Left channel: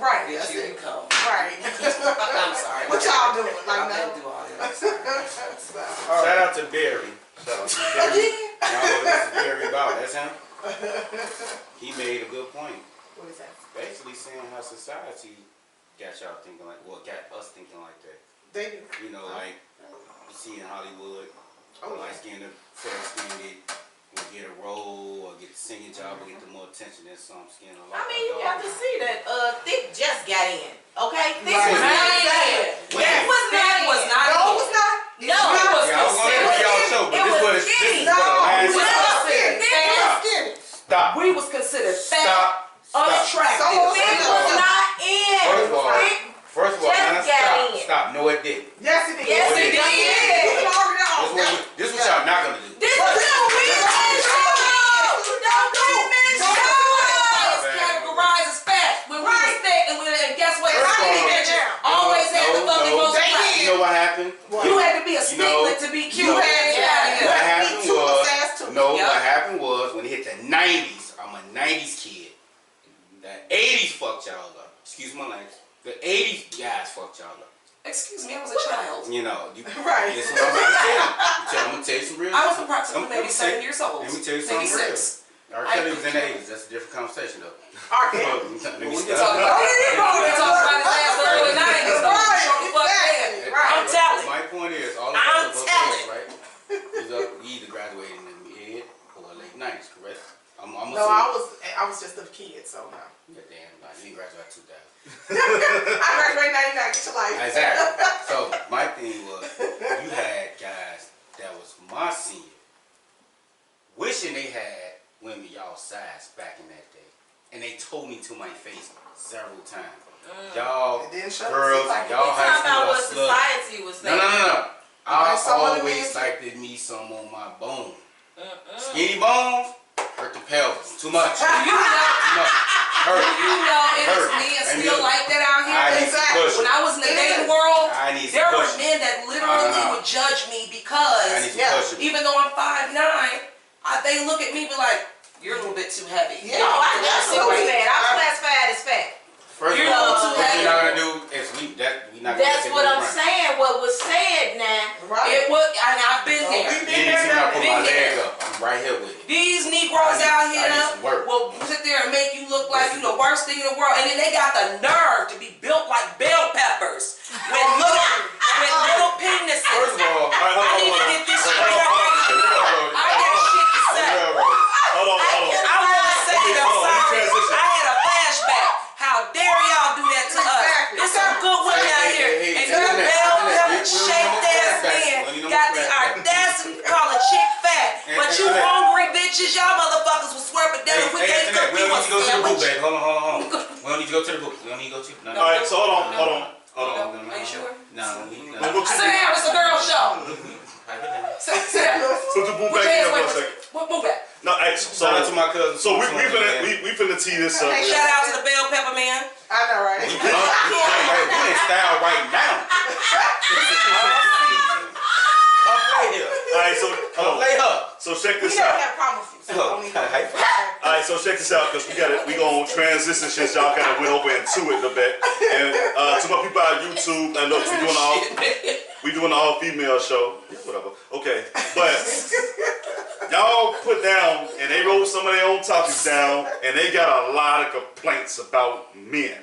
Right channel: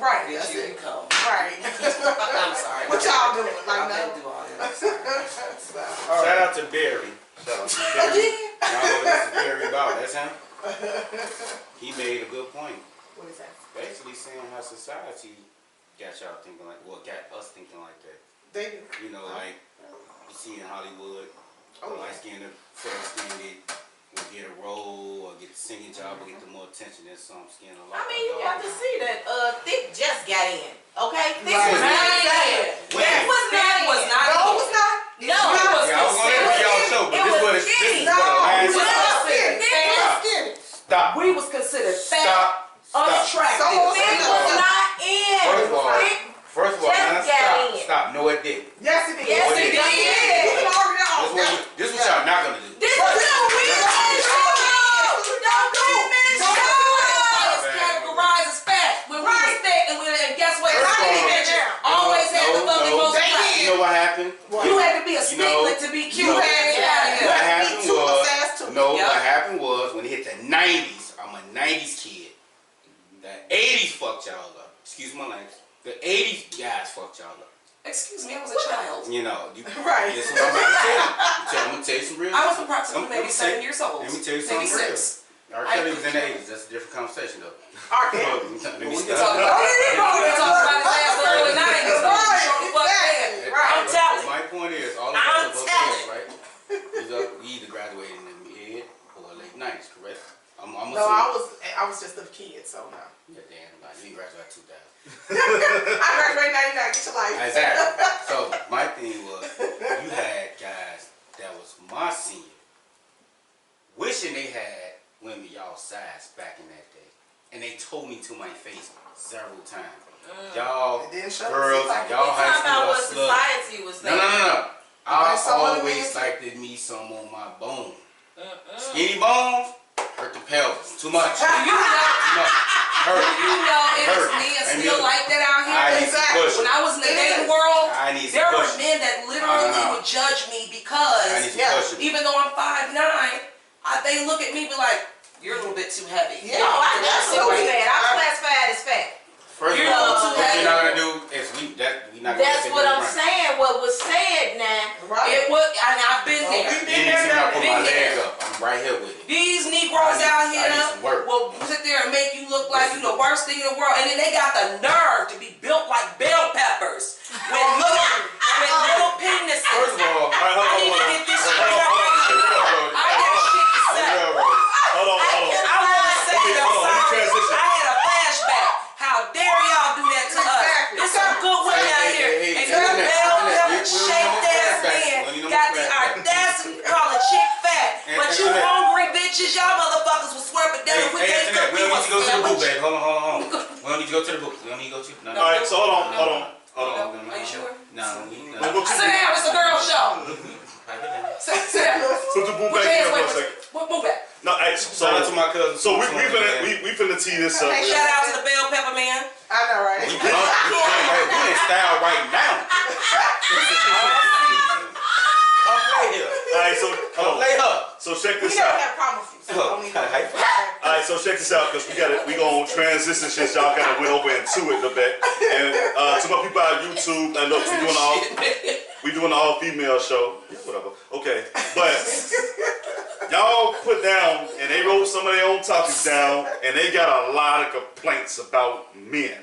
Right. Bitch, That's here it. you come. Right. I'm sorry. What y'all doing? Like I now? didn't do all that. Shout out to Barry. Shout out to Barry. Again? Y'all know this is Barry Ball. That's him. He made a good point. What is that? Basically saying how society got y'all thinking like, well, got us thinking like that. They do. You know, like you see in Hollywood, light skinned, fair skinned, will get a role or get a singing job or get the more attention than some skin. I mean, you have to see that Thick just got in. Okay? Thick Right. was not in. When? Thick was not in. was not No, in. it was not. No, It's it was Yeah, I was gonna let y'all show, but this was No, the it last was time. not skinny. Thick It was was skinny. Stop. We was considered fat, Stop. unattractive. So- Thick was not in. Thick First of all, just Anna, got in. stop. No, it didn't. Yes, it did. Yes, it You it can did. argue that. This what y'all not gonna do. This is what we don't do men's Why show. it's categorized as fat when we was thick and guess what? First of Skinny all, bitches always had the fucking most They fat. did. You know what happened? You had to be a You know- sneaklet to be cute. you know- Get out of What here. happened Two was, fast too. no, Yep. what happened was when it hit the 90s, I'm a 90s kid. The 80s fucked y'all up. Excuse my language. The 80s guys fucked y'all up. Excuse me, I was a child. You know, Right. this is what I'm about to tell you. I'm gonna tell you some real I was shit. approximately Let me maybe tell you- 7 years old. Let me tell you Maybe something real. 6. R. Kelly was in the 80s. That's a different conversation, though. Okay. Let me We can stop. talk about that. We can talk about his ass early 90s. Right, Show the fuck exactly. dead. Right. I'm telling. My point is, all of I'm us are telling. right? You either graduated in the mid or late 90s, correct? I'm No, I was just a kid, so no. Yeah, damn, like, you didn't graduate 2000. I graduated 99. Get your life. Exactly. So my thing was, you had guys that was my senior, wishing they had women y'all size back in that day, and they told me to my face several times, y'all It didn't show. girls, Like, and y'all We high talking about school what are sluts. society was No, saying. no, no, no. I some of the always men- liked me some on my bone. Skinny bones hurt the pelvis too much. Do you know? Too much. Hurt. You know it is Hurt. men And still then- like that out I here. need some Exactly. push. When I was in the It dating is. world, I need some there were push. men that literally No. would judge me I need because some Yeah. push. even though I'm 5'9", they look at me and be like, "You're a little bit too heavy." Yeah. No, I Absolutely. absolutely fat. I was classified as fat. First You're of all, not too what heavy. you're not gonna do is we not gonna That's take what it I'm right. saying. What was said now. Right. It was, and I've been Oh, there. we You been need there, to see me done put that. my leg up. I'm right here with it. These Negroes I out need here some work. will sit there and make you look like you the worst thing in the world, and then they got the nerve to be built like bell peppers with little penises. First of all, I need to get this straight up. I got shit to say. Hold on. I want to say that Hold on, let me sorry. transition. I had a flashback. How dare y'all do that to us? Exactly. There's some good women out here, and you bell pepper shaped ass men got the audacity to call a chick fat, but you hungry bitches, y'all motherfuckers will swear, but then we can't cook we you don't a need to go to the booth, sandwich. babe. Hold on. We don't need to go to the booth. We don't need to go to. No. No. All right, so hold on. Are you sure? No. Let's go Sit down, it's a girl show. Sit down. Put the boot Put back your in hands for a away. second. Move back. No, hey, Shout out to my cousin. so we finna tee this up. Shout out to the bell pepper man. I know, right? We in style right now. Come lay here. All right, so Come hold on. lay her. So check We this don't out. have problems with you, so don't even. All right, so check this out, cause we gonna transition since y'all kind of went over into it a bit. And to my people on YouTube, and look, we doing an all female show. Yeah, whatever. Okay, but y'all put down and they wrote some of their own topics down, and they got a lot of complaints about men.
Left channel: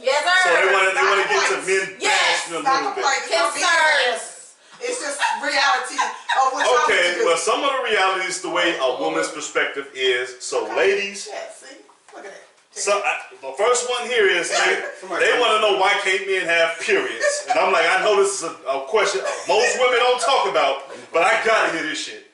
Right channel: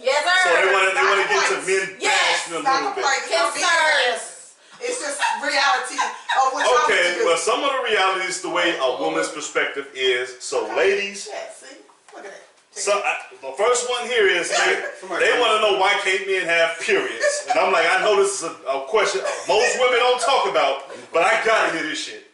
Yes, So sir. they want to get to men Yes, bashing a Not little bit. complaining, it's not being Concerns. ass. It's just reality of what y'all Okay, need to do. well, some of the realities, the way a woman's perspective is. So, ladies, Yeah, see? Look at that. so the first one here is they want to know why can't men have periods, and I'm like, I know this is a question most women don't talk about, but I gotta hear this shit.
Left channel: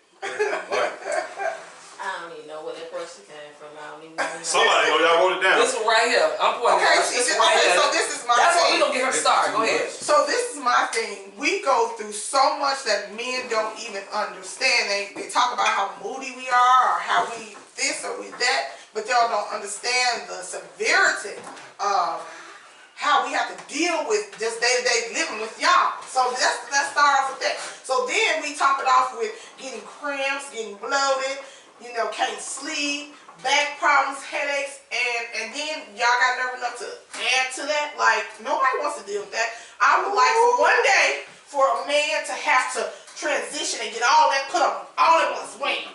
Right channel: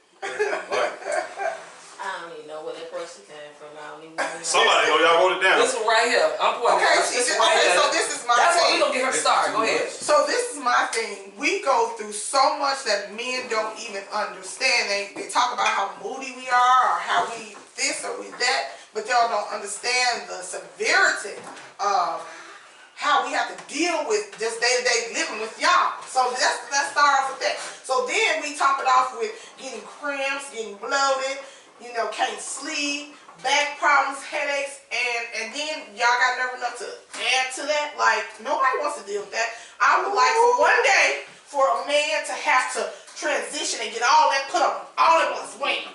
I don't even know where that question came from. I don't even know. Somebody, y'all wrote it down. This one right here. I'm pointing Okay, at see, this okay, right here. so this is my That's what we thing. gonna get her started. Go ahead. So this is my thing. We go through so much that men don't even understand. They talk about how moody we are or how we this or we that, but they don't understand the severity of how we have to deal with just day-to-day living with y'all. So let's start off with that. So then we top it off with getting cramps, getting bloated, you know, can't sleep, back problems, headaches, and then y'all got nerve enough to add to that. Like, nobody wants to deal with that. I would like for one day for a man to have to transition and get all that put on all at once, wham,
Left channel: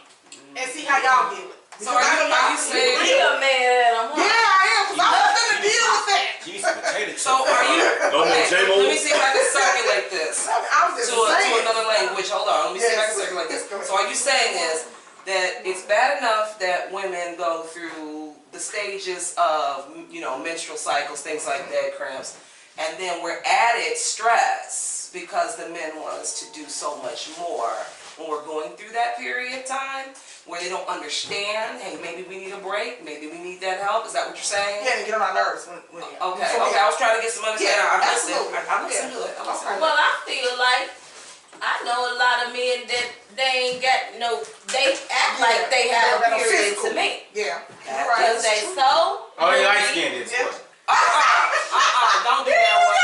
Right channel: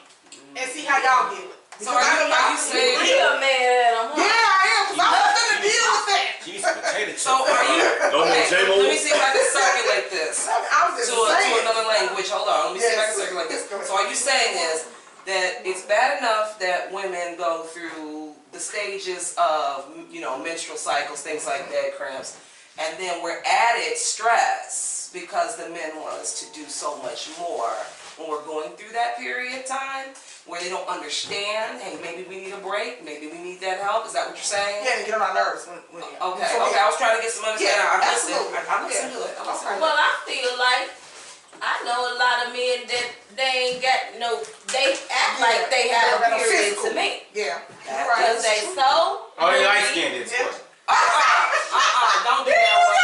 and see how y'all deal with it. So are you saying He a man, Yeah, I am, because I'm not gonna deal with that. Give me some potato chips. So are you? No more Okay, J-Mo? let me see if I can circulate this I was just to saying. another language. Hold on, let me see if I can Yes. circulate this. Yes, go ahead. So are you saying is that it's bad enough that women go through the stages of, you know, menstrual cycles, things like that, cramps, and then we're added stress because the men want us to do so much more when we're going through that period of time where they don't understand, hey, maybe we need a break, maybe we need that help. Is that what you're saying? Yeah, to get on my nerves when Okay, so, okay, I was trying to get some understanding. Yeah, I listen. absolutely. I listen Yeah. to it. I listen to it. Well, I feel like I know a lot of men that they ain't got no. They act like they have a period to me. Yeah, you're Cause right. they so. Oh, you light skinned this Yeah. question. Don't do that one.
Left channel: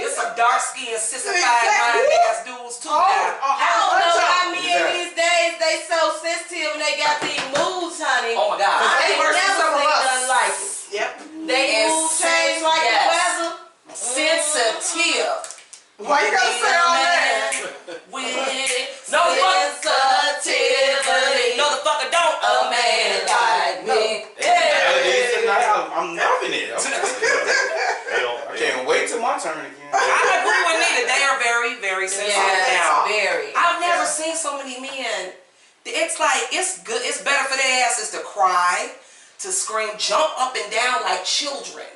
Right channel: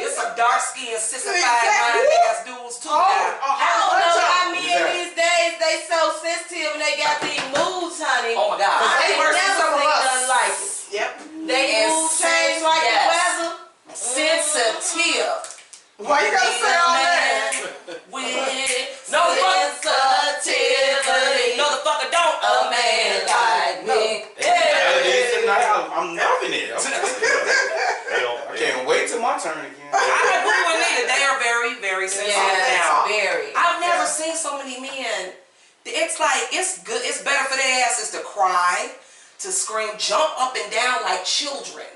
It's some dark skinned, sissified mind ass dudes too now. I don't know how men these days they so sensitive and they got these moods, honey. Oh my God. I They ain't versus never some of seen us. nothing like it. Yep. They And mood change like yes. the weather. Sensitive. Why you gotta say all that? With no sensitivity. No, the fucker don't. A man like me. I'm loving it. I can't wait till my turn again. I agree with Nita. They are very, very sensitive now. Very. I've never seen so many men. It's like, it's good. It's better for their asses to cry, to scream, jump up and down like children,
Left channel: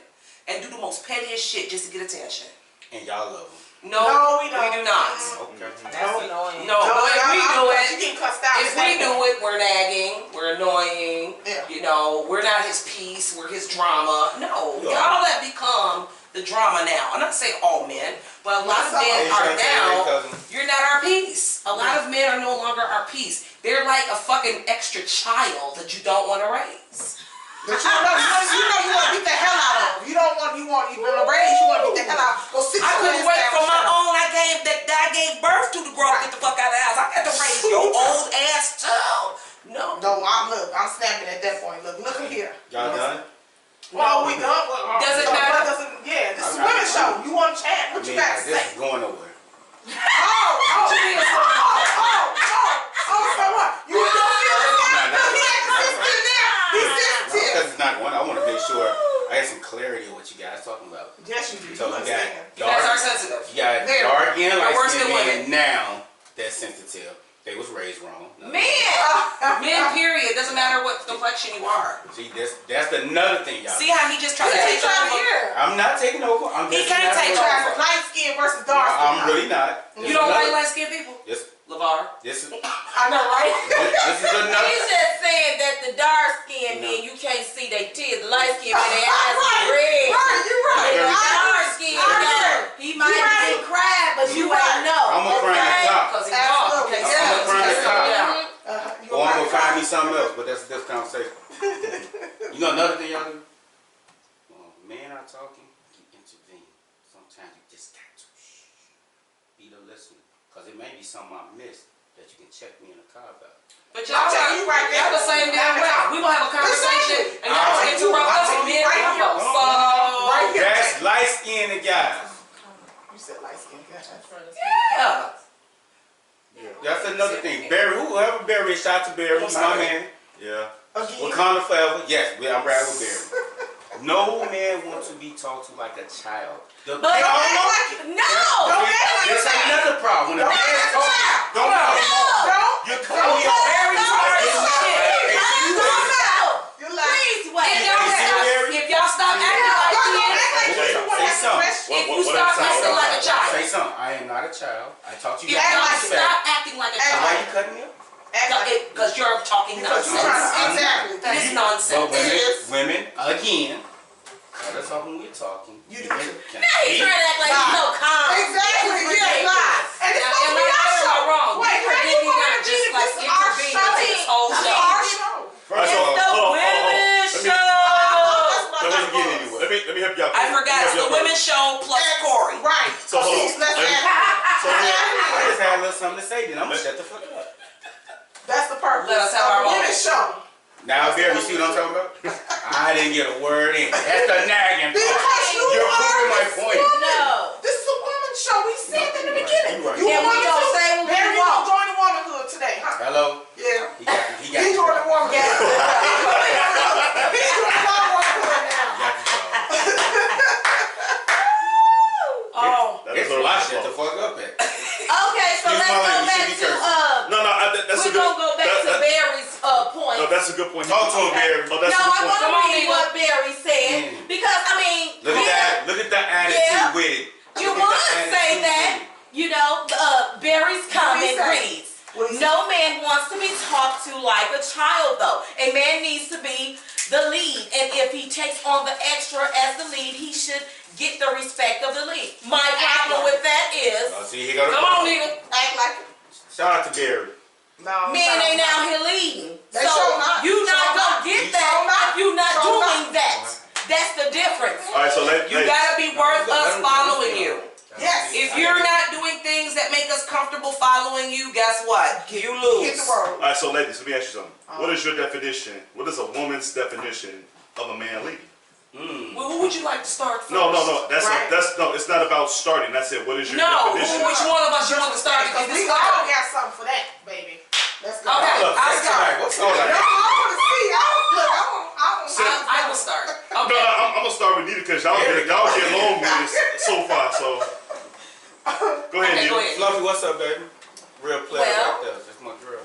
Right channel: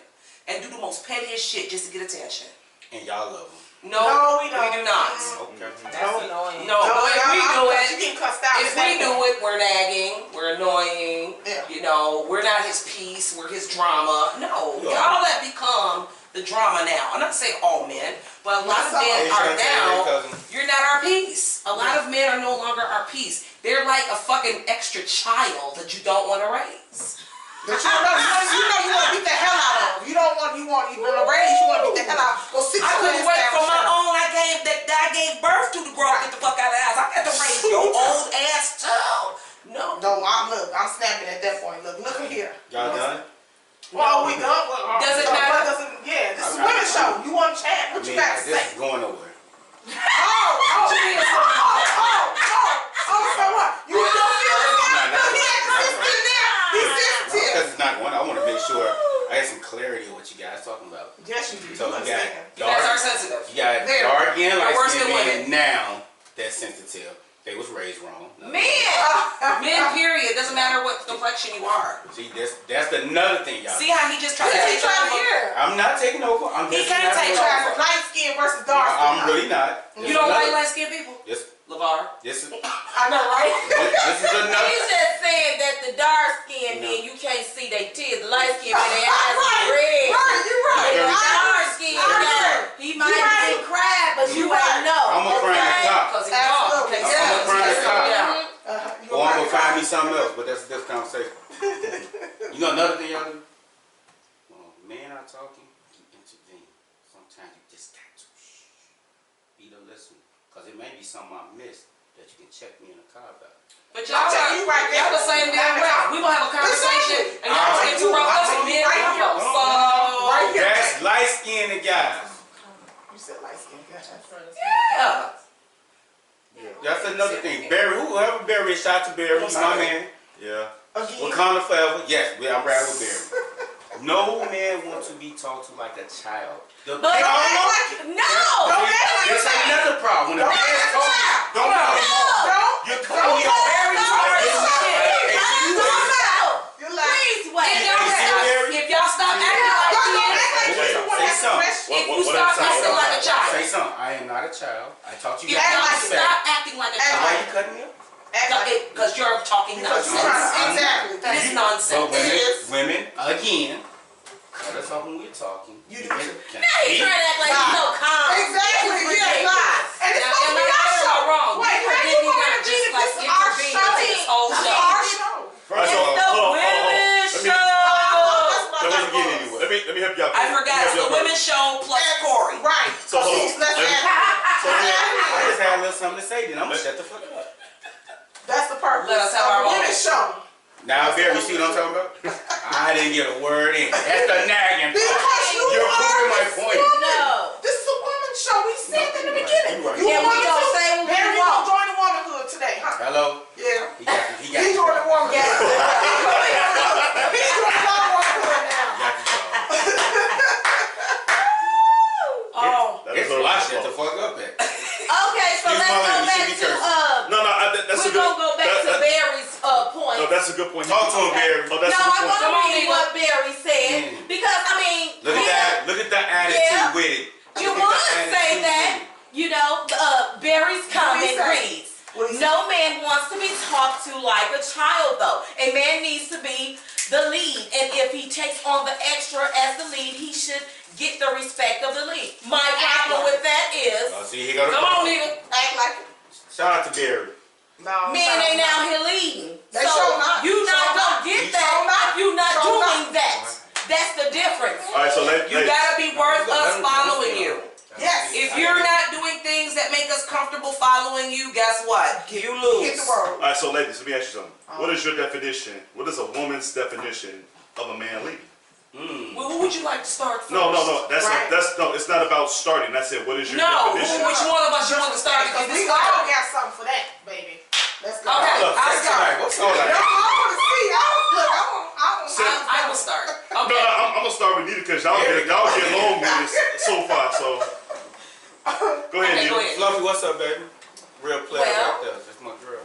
and do the most pettiest shit just to get attention. And y'all love them. No, we don't. We do not. Okay. That's annoying. No, but if we do You it, getting cussed out. if we do it, we're nagging, we're annoying. Yeah. You know, we're not his piece, we're his drama. No, Yeah. all that become the drama now. I'm not saying all men, but a lot of Some. men Hey, are Shantae, now. cousin. You're not our piece. A lot of men are no longer our piece. They're like a fucking extra child that you don't want to raise. But you know you want to beat the hell out of them. You want to raise, you want to beat the hell out of them. Go sit I your couldn't ass wait down, for my shut up. own. I gave birth to grow up, get the fuck out of the house. I got to raise your old ass child. No. No, I'm snapping at that point. Look here. Y'all done? Well, we done. Does it matter? Yeah, this is a women's show. You want to chat? What you got to this say? is going nowhere. So what? You don't feel it? Look, he had to sit in there. He's sensitive. Because it's not going. I want to make sure I have some clarity on what you guys talking about. Yes, you do. So You you got understand. You guys are dark, sensitive. you got Very. dark and You're light worse skinned than men women. now that's sensitive. They was raised wrong. Men. Men, period. Doesn't matter what complexion you are. See, that's another thing, y'all. See how he just tried to He's take trying to over? hear. I'm not taking over. I'm He just can't not take over. over. Light skin versus dark skin. I'm really not. You don't like light skinned people? This LeVar? is I know, right? this is another. He's just saying that the dark skinned men, you can't see their tears. The light skinned men, their eyes are red. Right, you're right. The Very dark skinned guy, he might be crying, but you ain't know. I'm gonna cry in the top. Because he's dark. Absolutely. Okay, Yeah. so I'm gonna let's cry go in the down. You're Or I'm right. gonna find me something else, but that's a different conversation. You know another thing y'all do? When men are talking, you intervene. Sometimes you just got to be the listener. Because it may be something I missed that you can check me in the car about. But y'all tell you right there. y'all the same damn way. We gonna have a conversation and y'all gonna interrupt us and men Right come here. up. Right here. That's light skinned guys. You said light skin. Yeah. That's another thing. Barry, whoever Barry is, shout out to Barry, he's my man. Yeah. Again. Wakanda forever. Yes, I'm riding with Barry. No man wants to be talked to like a child. But Don't act like it. no. Don't act like There's it's another problem. When the Don't man act talks, like a don't child. Don't. You're calling me a Very hard as shit. You're like. Please wait. If y'all stop acting like kids, Say something. if you stop acting like a child, Say something. I am not a child. I taught you if guys act y'all like to it. say. stop acting like a Act Why child, you cutting me up? because you're talking Because you're trying nonsense. to. Exactly. Thank It's you. But nonsense. women, again, cut us off when we're talking. You do can- too. can Now he's speak. trying to act like he's so calm. Exactly. It's Yeah. ridiculous. Lies. And it's Now, supposed to am be I our right or show. am I wrong? Wait, You how did you not gonna just intervene if like this is our intervene show? into this whole This is show. our show. First It's of all, the hold on. women's Let me- show. So let's get anywhere. Let me help y'all. I forgot it's the women's show plus Corey. Right. So hold on. Let's Let me- act. So let- I just had a little something to say, then I'm gonna shut the fuck up. That's the purpose Let us have our of the women's show. Now, Barry, see what I'm talking about? I didn't get a word in. That's the nagging part. Because You're proving my point. No. This is a woman's show. We said that in the beginning. You right. You Yeah, we wanted gonna to? say what we Barry, you want. gonna join the womanhood today, huh? Hello? Yeah. He got He joined the womanhood. Yeah. He's joining our womanhood now. got you, Oh. That It's is why her shut the fault. fuck up at. Okay, so Excuse let's my go language, back you should be to cursing. No, that's a we're good. gonna go back to that- Barry's point. No, that's a good point. Talk to him, Barry. Oh, that's No, a good I point. want to Come on, read nigga. what Barry said Mm. because I mean, Look at that. Look at the attitude Yeah. with it. you Look at would the say attitude that. with it. You know, Barry's comment say? reads, What'd he say? no man wants to be talked to like a child though. A man needs to be the lead, and if he takes on the extra as the lead, he should get the respect of the lead. My problem with that is, Oh, see, he got Come on, nigga. Act like it. Shout out to Barry. No. men ain't out here leading. They So sure not. you not Sure gonna not. get You that sure not. if you not Sure doing not. that. That's the difference. All right, so You gotta be worth us following you. Yes. If you're not doing things that make us comfortable following you, guess what? You Hit lose. the word. All right, so ladies, let me ask you something. What is your definition? What is a woman's definition of a man leading? Well, who would you like to start first? No. That's Right. no. It's not about starting. I said, what is your No, definition? which one of us you want to start? Because Because we this all start. got something for that, baby. Let's go. Okay. Look, I'll that's start. tonight. What's all No, that? I want to see. I will start. No, Okay. I'm gonna start with Nita because y'all get along with this so far. So go ahead, Okay, Nita. go ahead. Fluffy, what's up, baby? Real pleasure Well- right there. That's my girl.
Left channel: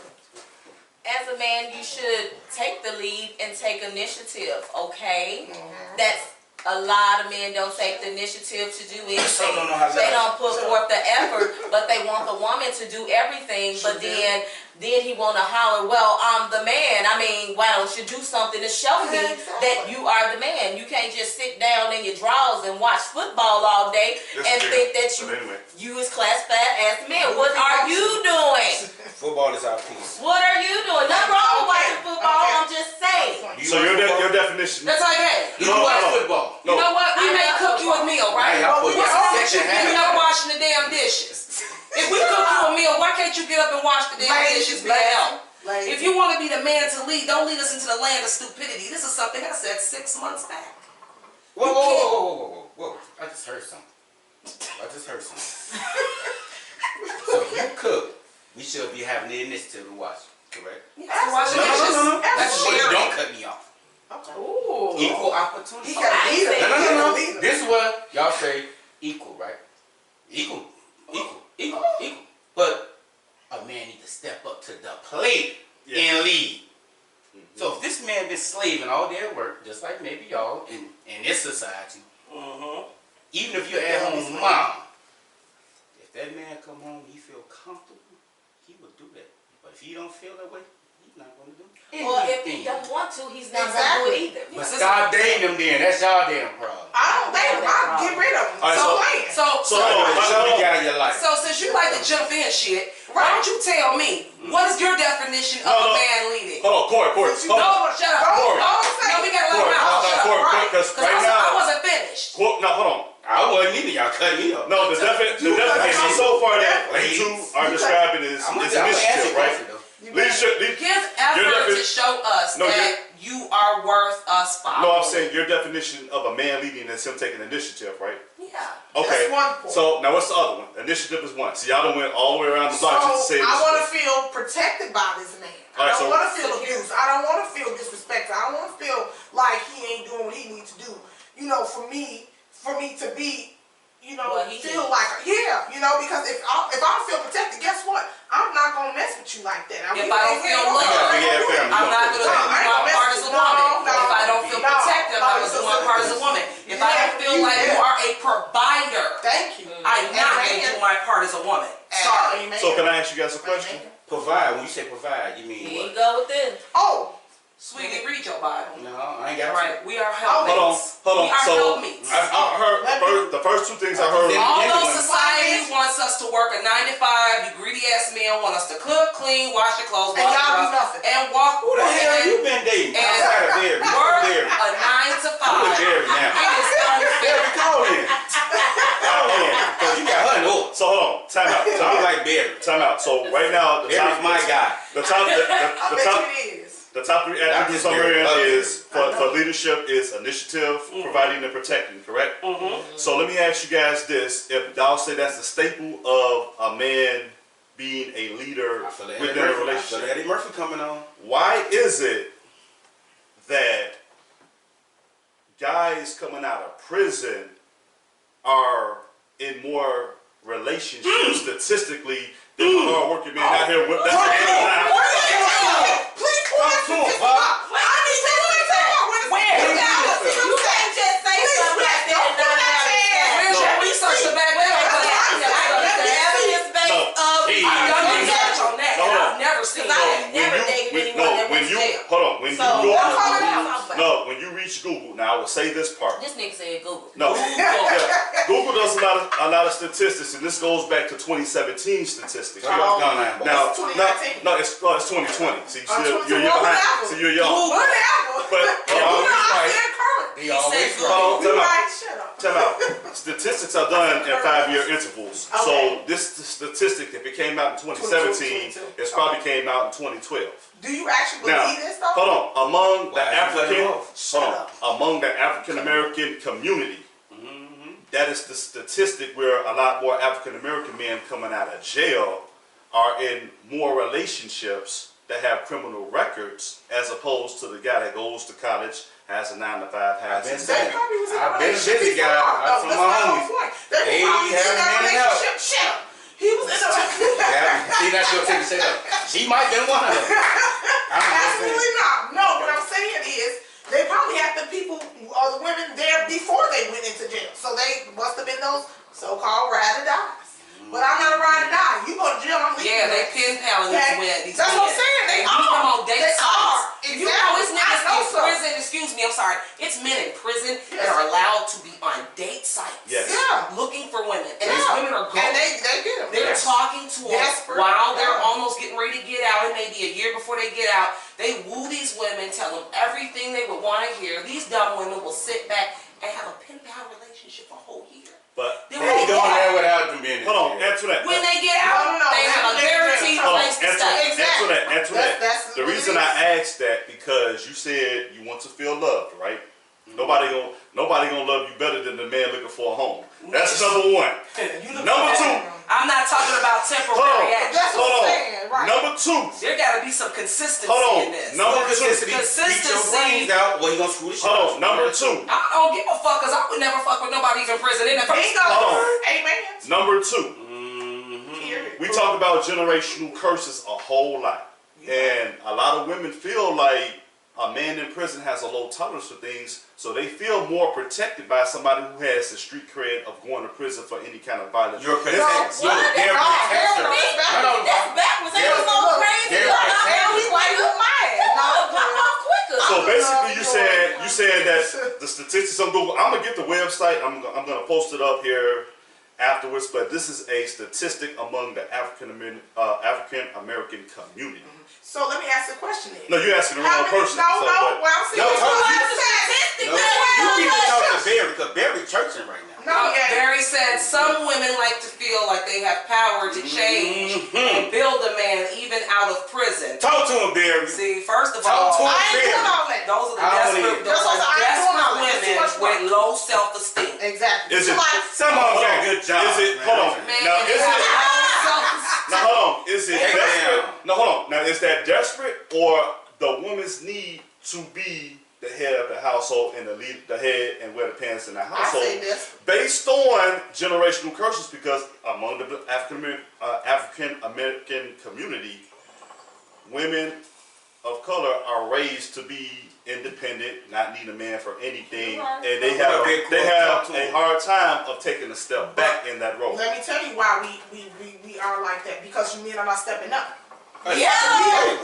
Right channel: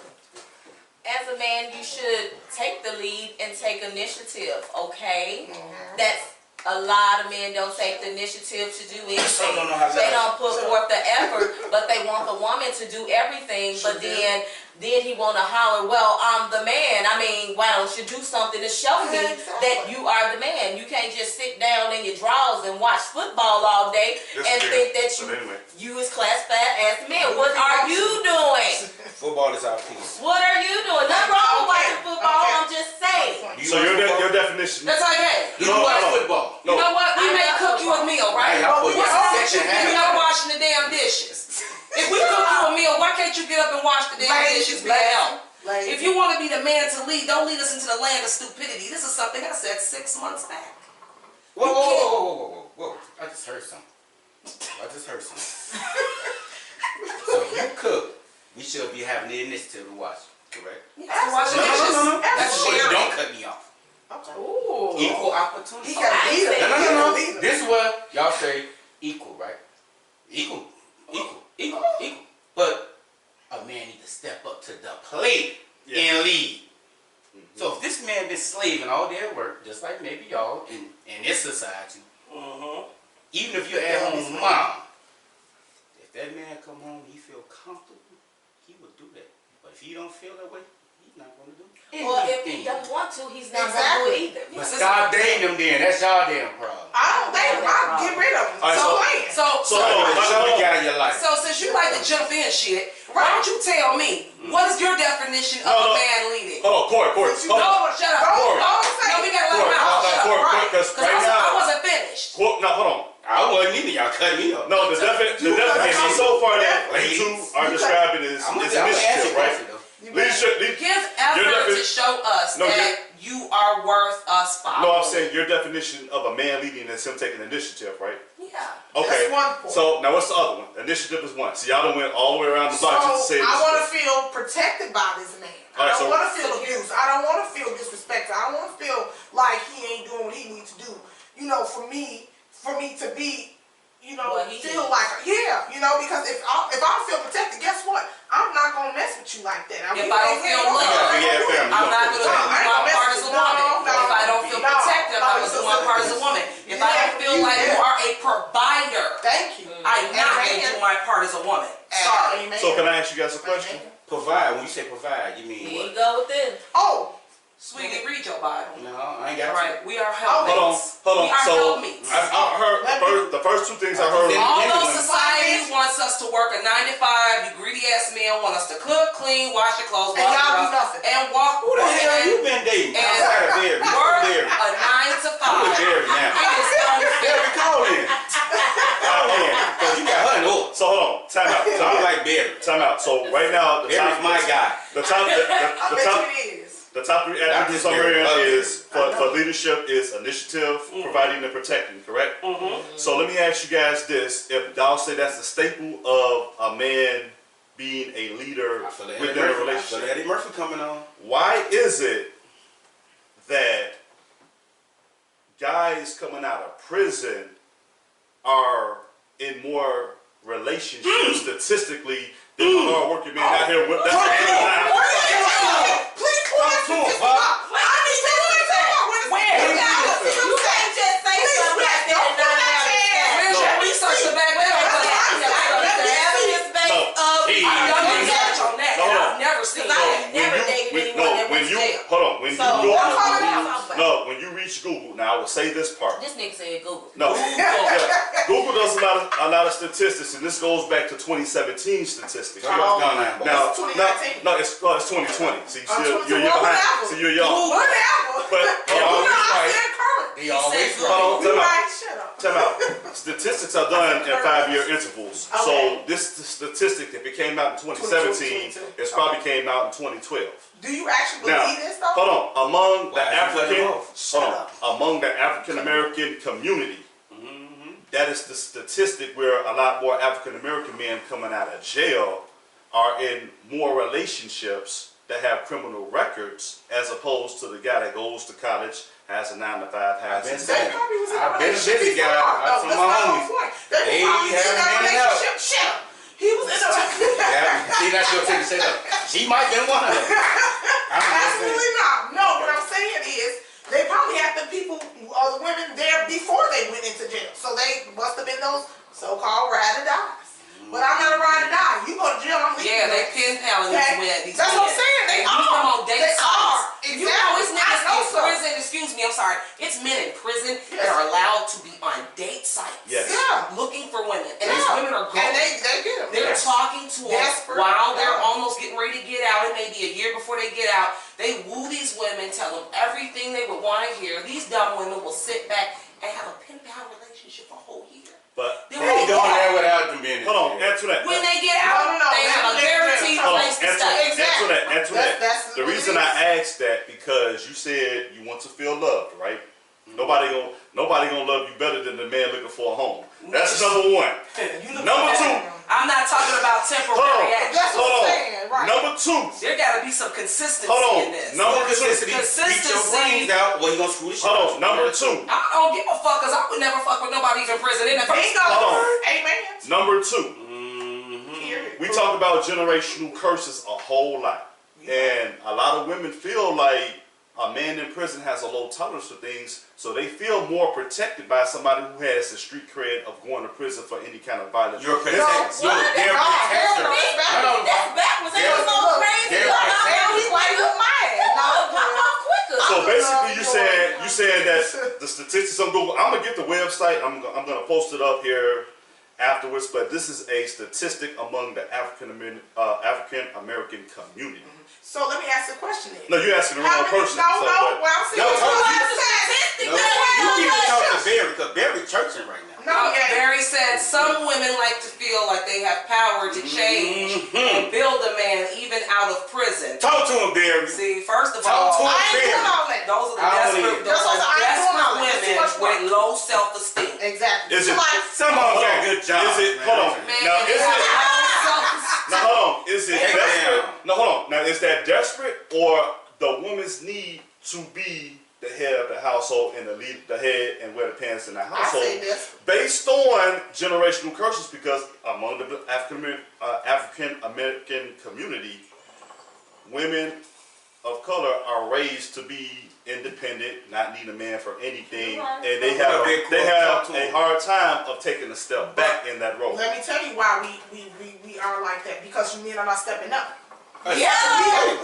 As a man, you should take the lead and take initiative, okay? That's a lot of men don't take the initiative to do anything. don't know how to They lie. don't put forth the effort, but they want the woman to do everything, but then he wanna holler, well, I'm the man. I mean, why don't you do something to show me that you are the man? You can't just sit down in your drawers and watch football all day Yes, and dear. think that But anyway. you is classified as the man. What are you doing? Football is our piece. What are you doing? Nothing wrong with watching football, Okay. I'm just saying. Do you So watch your football? definition. That's okay. You No, watch no. football. You know what? We may cook you a meal, right? Hey, I put What's you wrong in with you section getting half. up washing the damn dishes? If we cook you a meal, why can't you get up and wash the damn Ladies, dishes, man? Ladies. If you want to be the man to lead, don't lead us into the land of stupidity. This is something I said 6 months back. Whoa. I just heard something. So you cook. We should be having the initiative to watch, correct? Yeah, wash the No. dishes. That's what you sharing. don't cut me off. Ooh. Equal opportunity. He got a leader. No, He got a No. leader. This is what y'all say equal, right? Equal. But a man needs to step up to the plate and lead. So if this man been slaving all day at work, just like maybe y'all in this society, even if you're at home mom, if that man come home, he feel comfortable, he will do that. But if he don't feel that way, he's not gonna do anything. Well, if he don't want to, he's not gonna do it either. But stop dating them then. That's y'all damn problem. I don't think I'll get rid of him. All right, So, so- What you got in your life? So since you like to jump in shit, why don't you tell me, what is your definition of No. a man leading? Hold on, Corey. No, shut up. Don't say No, we gotta let Corey, him out. Shut up. because Because right I now, wasn't finished. no, hold on. I wasn't either. Y'all cut me up. No, the definition so far that you two are describing is I'm gonna initiative, right? though. Leadership. Give effort to show us No, that you are worth us following. No, I'm saying your definition of a man leading is him taking initiative, right? Yeah. Okay. That's one point. So now what's the other one? Initiative is one. So y'all done went all the way around the block just to say I want to this. feel protected by this man. All right, I don't so- want to feel abused. I don't want to feel disrespected. I don't want to feel like he ain't doing what he needs to do. You know, for me to be, you know, What he feel needs. like, yeah, you know, because if I don't feel protected, guess what? I'm not gonna mess with you like that. If I don't feel loved, Yeah, I'm not gonna do my part as a woman. If I don't feel protected, I'm not gonna do my part as a woman. If I don't feel like you are a provider, Thank you. I'm not gonna do my part as a woman. Sorry. Amen. So can I ask you guys a question? Provide. When you say provide, you mean Here you what? go with this. Oh, Sweetie, read your Bible. No, I ain't got All right, we are helpmates. Hold on. We are So helpmates. I heard the first two things I heard. Although society wants us to work a 9 to 5, you greedy ass men want us to cook, clean, wash your clothes, And wash y'all your do nothing. and walk Who the hell and you been dating? and Outside of Barry. work Barry. a 9 to 5. Barry now. It is unfair. Barry, call in. Call in. Because you got her in order. So hold on. Time out. So I'm like Barry. Time out. So right now the Barry's my guy. The top. I The bet top. you it is. The top 3 attributes I'm hearing is for leadership is initiative, providing and protecting, correct? So let me ask you guys this: if y'all say that's the staple of a man being a leader within a relationship, Eddie Murphy coming on. why is it that guys coming out of prison are in more relationships statistically than hard-working men out here with Please point to this up. I need to know that. Where? You can't just say something like that and not have it. Where's your research to back that up? The evidence-based of I've done research on that, and I've never seen Because I that. ain't never dated anyone that went to jail. when you reach Google, now I will say this part. This nigga said Google. No, Google does a lot of statistics, and this goes back to 2017 statistics. Now, it's 2020. See, you're behind. See, you're young. Whatever. But They always hold on, Right, shut up. time out. Statistics are done in 5-year intervals. Okay. So this statistic, if it came out in 2017, it probably came out in 2012. Do you actually Now, believe this though? hold on. Among the Why is he cutting off? among the African American community, that is the statistic where a lot more African American men coming out of jail are in more relationships that have criminal records, as opposed to the guy that goes to college, has a 9-to-5, has I've been his They probably was in a I've been a relationship busy guy. before. I've seen That's my my homies. whole point. They They probably was in haven't a been out. relationship. Shut up. He was in a Yeah, see, that's your thing to say that. She might have been one of them. Absolutely not. No, what I'm saying is they probably had the people or the women there before they went into jail. So they must have been those so-called ride or dies. But I'm not a ride or die. You go to jail, I'm leaving. Yeah, they pen paling these That's what I'm saying. They use them are. on date They sites. are. You know, it's Exactly. niggas I know in so. prison, excuse me, I'm sorry. It's men in prison that are allowed to be on date sites. Yes. Yeah. Looking for women. And Yeah. these women are going. And they get them. They're talking to them Desperate. while they're Yeah. almost getting ready to get out. It may be a year before they get out. They woo these women, tell them everything they would want to hear. These dumb women will sit back and have a pen pal relationship for a whole year. But Then They when they doing get that out, without them being in hold on, jail. answer that. when they get No, out, no, they they- have a they- guaranteed Hold on, place to answer stay. Exactly. that. That's The what it reason is. I asked that because you said you want to feel loved, right? Nobody gonna love you better than the man looking for a home. That's number one. You look Number so two. bad. I'm not talking about Hold temporary on. action. That's what Hold I'm on. saying, right. Number two. There gotta be some consistency Hold on. in this. Number Consistency. Beat your brains out, or you gonna screw the shit out. Hold on. Number two. I don't give a fuck, cause I would never fuck with nobody who's in prison in the first Bingo. Hold on. Amen. Number two. Period. We talk about generational curses a whole lot, and a lot of women feel like a man in prison has a low tolerance for things, so they feel more protected by somebody who has the street cred of going to prison for any kind of violence. You're protected. What? They're No, protected. hell no. That's backwards. Ain't Yeah. no crazy. Yeah. Hell, he like you mad. Pop off quicker. So basically, you saying that the statistics on Google. I'm gonna get the website. I'm gonna post it up here afterwards. But this is a statistic among the African American community. So let me ask the question then. No, you're asking the How wrong many? person. No, so, no. but- Well, I'm saying No, it's talk- what you- I'm saying. No, you need to talk to Barry, because Barry churching right now. No, yeah. Barry said some women like to feel like they have power to change and build a man even out of prison. Talk to him, Barry. See, first of Talk all, to him, I ain't doing Barry. all that. those are the I don't desperate, either. those That's what are I ain't doing all desperate that. It's too much women with work. low self-esteem. Exactly. Is it- Somebody- Some of them Hold got on. good jobs. Is it? man. Hold on. Man, Now they is have it? low self-esteem. Now hold on. Is it Take it desperate? down. No, hold on. Now is that desperate or the woman's need to be the head of the household and the head and wear the pants in the household? say this. Based on generational curses, because among the African American community, women of color are raised to be independent, not need a man for anything, and they have a hard time of taking a step back in that role. Let me tell you why we are like that. Because you men are not stepping up. Yeah.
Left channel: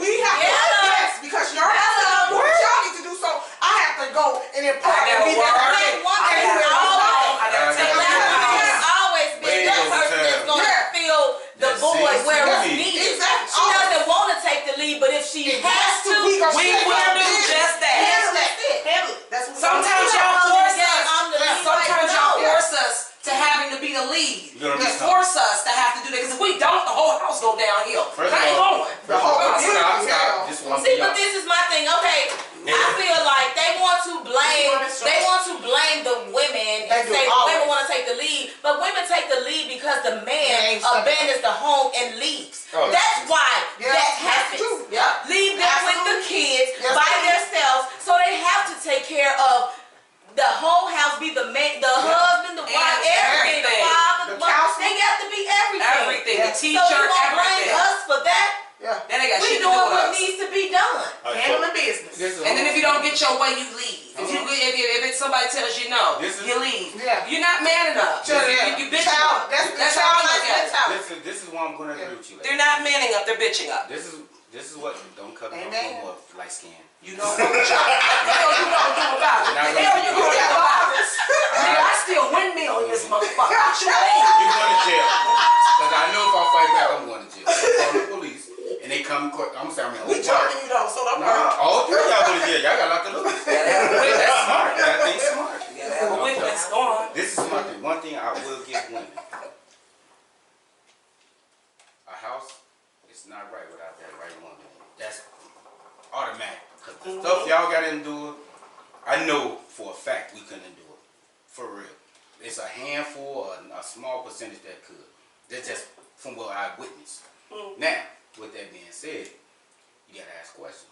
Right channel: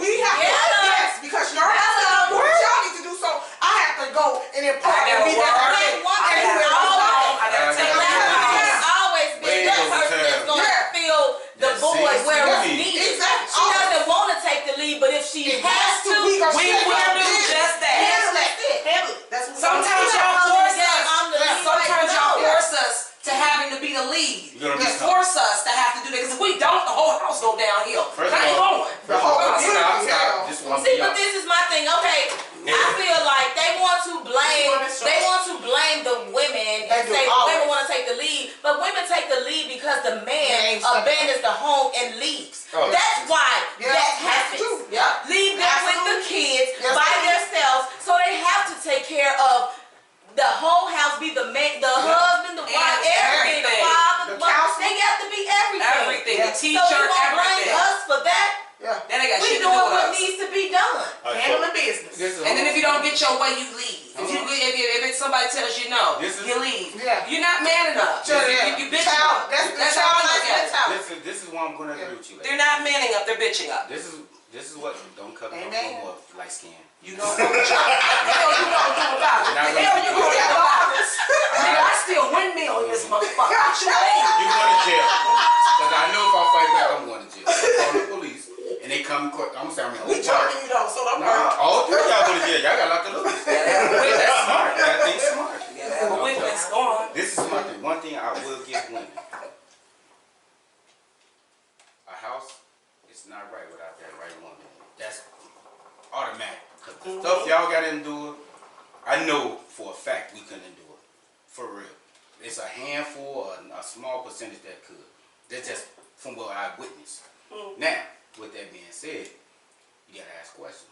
We have Yeah. yes, because you're not stepping up. What y'all need to do? So I have to go and impart I and gotta be work. that I man gotta everywhere work. I go. I gotta take Yeah. that. There's always been Way that over person that's time. gonna Yeah. fill the That's void it. where it's Exactly. needed. Exactly. She doesn't want to take the lead, but if she has to, we gonna We step will up. do just that. Handle That's it. it. Handle it. That's what Sometimes we y'all do. force I'm the us. lead. Sometimes Like, y'all no. force us to having to be the lead. You're gonna be You force us to have to do that because if we don't, the whole house go downhill. First I of ain't all, going. The whole Stop, community, stop. hell. Just one talking See, about but this is my thing. Okay, I feel like they want to blame the women and They do, say always. women want to take the lead, but women take the lead because the man ain't stuck abandons the home and leaves. Oh. That's why Yeah, that that's happens. true. Yeah. Leave them with the kids Yes, by they do. themselves, so they have to take care of the whole house, be the man, the husband, the wife, everything, the everything. father, The the mother. counselor. They got to be everything. Everything, Yeah. the So teacher, you gonna blame everything. us for that? Yeah. Then they got We shit to doing do with what us. needs to be done. All right, Handling business. This is- And then if you don't get your way, you leave. If it's somebody tells you no, This is- you leave. Yeah. You're not man enough. Sure, You- yeah. You bitch Child, up. that's the That's how I childlike look at it. mentality. This is why I'm gonna agree with you. They're not manning up. They're bitching up. This is what don't cut me off Amen. no more light skin. You don't know what you gonna do about it. We're not The hell you gonna gonna do do about it? Nigga, I still windmill in this motherfucker. What you mean? You going to jail? Because I know if I fight back, I'm going to jail. I call the police and they come. I'm sorry, We charging you though, so don't worry. Nah, all three of y'all going to jail. Y'all got a lot to lose. That's smart. That thing's smart. You gotta have a witness. Go on. This is my thing. One thing I will give women. A house is not right without that right woman. That's automatic. Because the stuff y'all got to endure, I know for a fact we couldn't endure. For real. It's a handful or a small percentage that could. That's just from what I witnessed. Now, with that being said, you got to ask questions.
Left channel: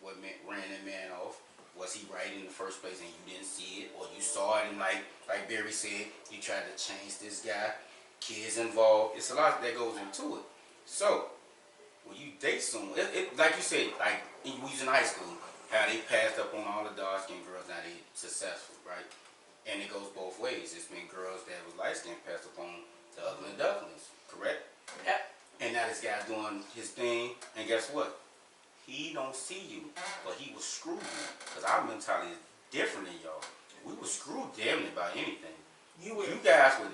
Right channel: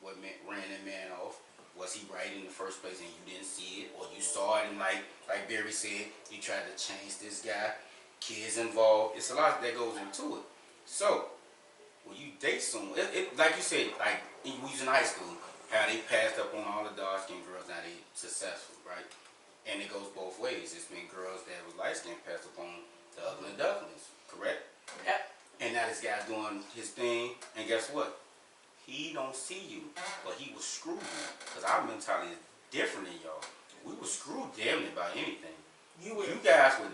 What ran that man off? Was he right in the first place and you didn't see it? Or you saw it and like Barry said, you tried to change this guy? Kids involved. It's a lot that goes into it. So, when you date someone, like you said, like we was in high school, how they passed up on all the dark-skinned girls, now they successful, right? And it goes both ways. It's been girls that was light-skinned passed up on the ugly ducklings, correct? Yep. And now this guy's doing his thing, and guess what? He don't see you, but he was screwed you. Because our mentality is different than y'all. We were screwed damn near by anything. You guys would,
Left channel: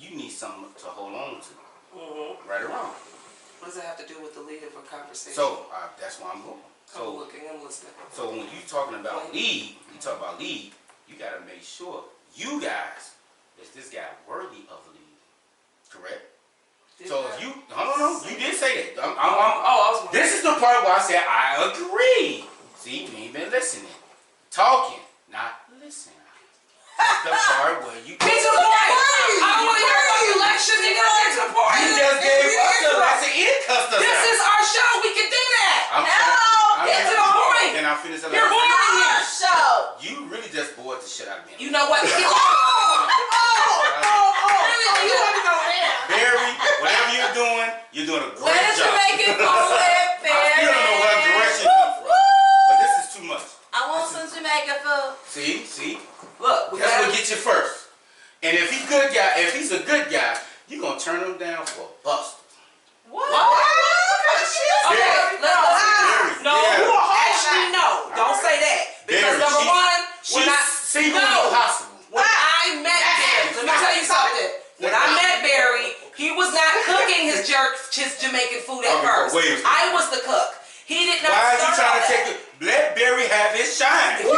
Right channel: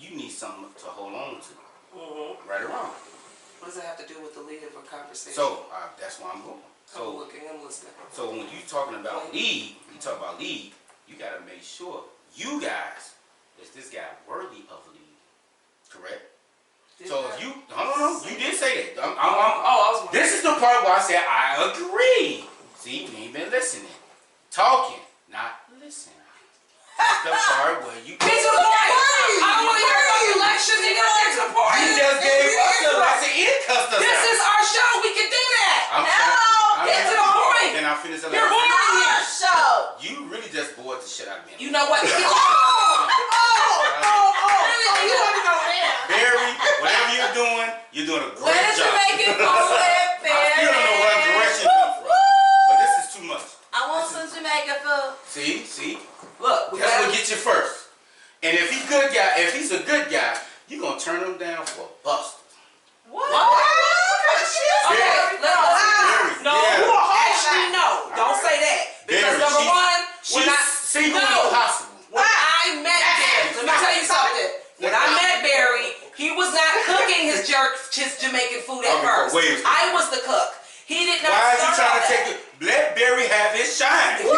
you need something to hold on to. Right or wrong. What does it have to do with the lead of a conversation? So, that's why I'm going. I'm So, looking, I'm listening. so when you talking about lead, you gotta make sure, you guys, is this guy worthy of lead? Correct? So if you, no, you did say that. This is the part where I said I agree. See, you ain't been listening. Talking, not listening. That's the part where you. Get to the point. I don't want to hear about the election, nigga. Get to the point. You just gave us the lesson. It cussed us This out. is our show. We can do that. Get to the point. Can I finish the You're lesson? boring here. Show. You really just bored the shit out of me. You know what? You want to go there? Barry, whatever you're doing a Where great did you job. make it go with I still don't know what direction you come from. But this is too much. I want some Jamaican food. See? Look, we That's got what gets you first. And if he's a good guy, you're gonna turn him down for Buster. What? Okay, Barry, no. yeah. Actually, no. Don't say that. Because Barry, number one, when I single no. impossible. When I met Barry, let me tell you something. When I met Barry, he was not cooking his Jamaican food at Okay, first. wait a second. I was the cook. He did not Why is you start trying all to that. take it? Let Barry have his shine. Barry,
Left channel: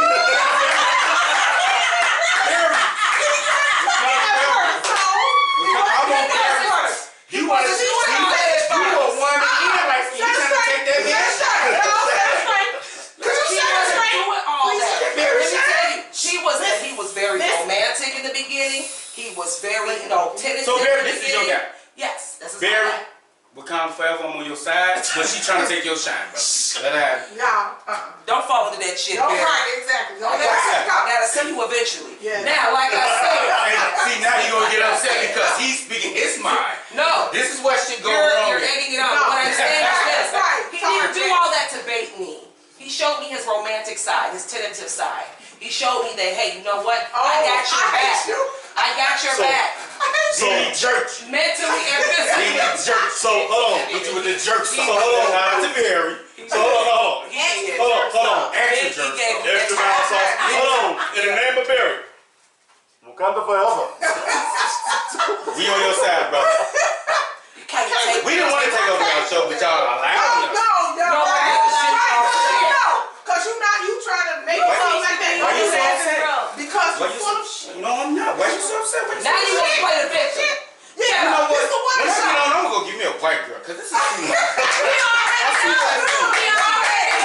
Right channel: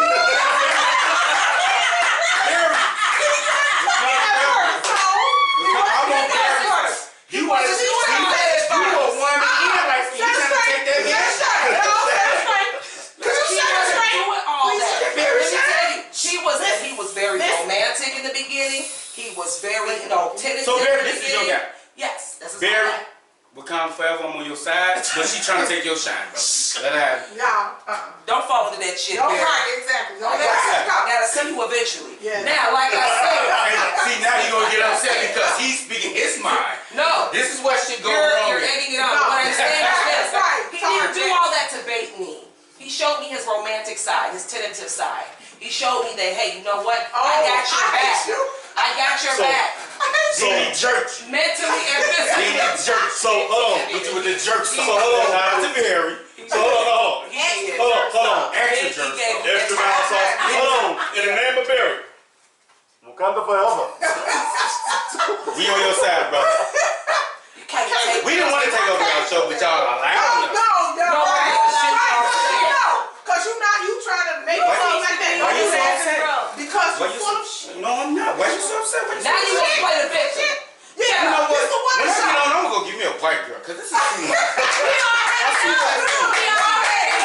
I want Barry first. You want to see you a woman in like you trying to take that man's shine. She wasn't doing all that. Let me tell you, he was very romantic in the beginning. He was very, tentative. So Barry, in the this is your beginning. guy. Yes, this is Barry, my guy. Wakanda forever, I'm on your side, but she trying to take your shine, bro. Let her have it. Don't fall into that shit, Don't Barry. right, exactly. Don't I let it go. gotta see you eventually. Yeah. Now, like I said, And see, now you're gonna get upset because he's speaking his mind. no. This is what should go You're wrong. egging it on. No. What I'm saying is this. Right. He didn't do all that to bait me. He showed me his romantic side, his tentative side. He showed me that, hey, you know what? I got your back. I got your back. So he jerked you. Mentally and Then physically. he jerked. So hold on. Hit you with the jerk So stuff. hold on. Not to Barry. So hold on. Hold on. Extra He jerk gave stuff. me Extra mild sauce. Hold on. In the name of Barry. Wakanda forever. We on your side, bro. You can't take We didn't want to take over our show, but y'all allowed us. No, Because you trying to make it seem like that. Why you so upset? Because Why you're you full of so? No, I'm not. Why you so upset? Why you so Now you upset? want to play the victim. Yeah, You know what? it's the one When I shot. get on, I'm gonna go give me a white girl, cause this is too much. We already know. We already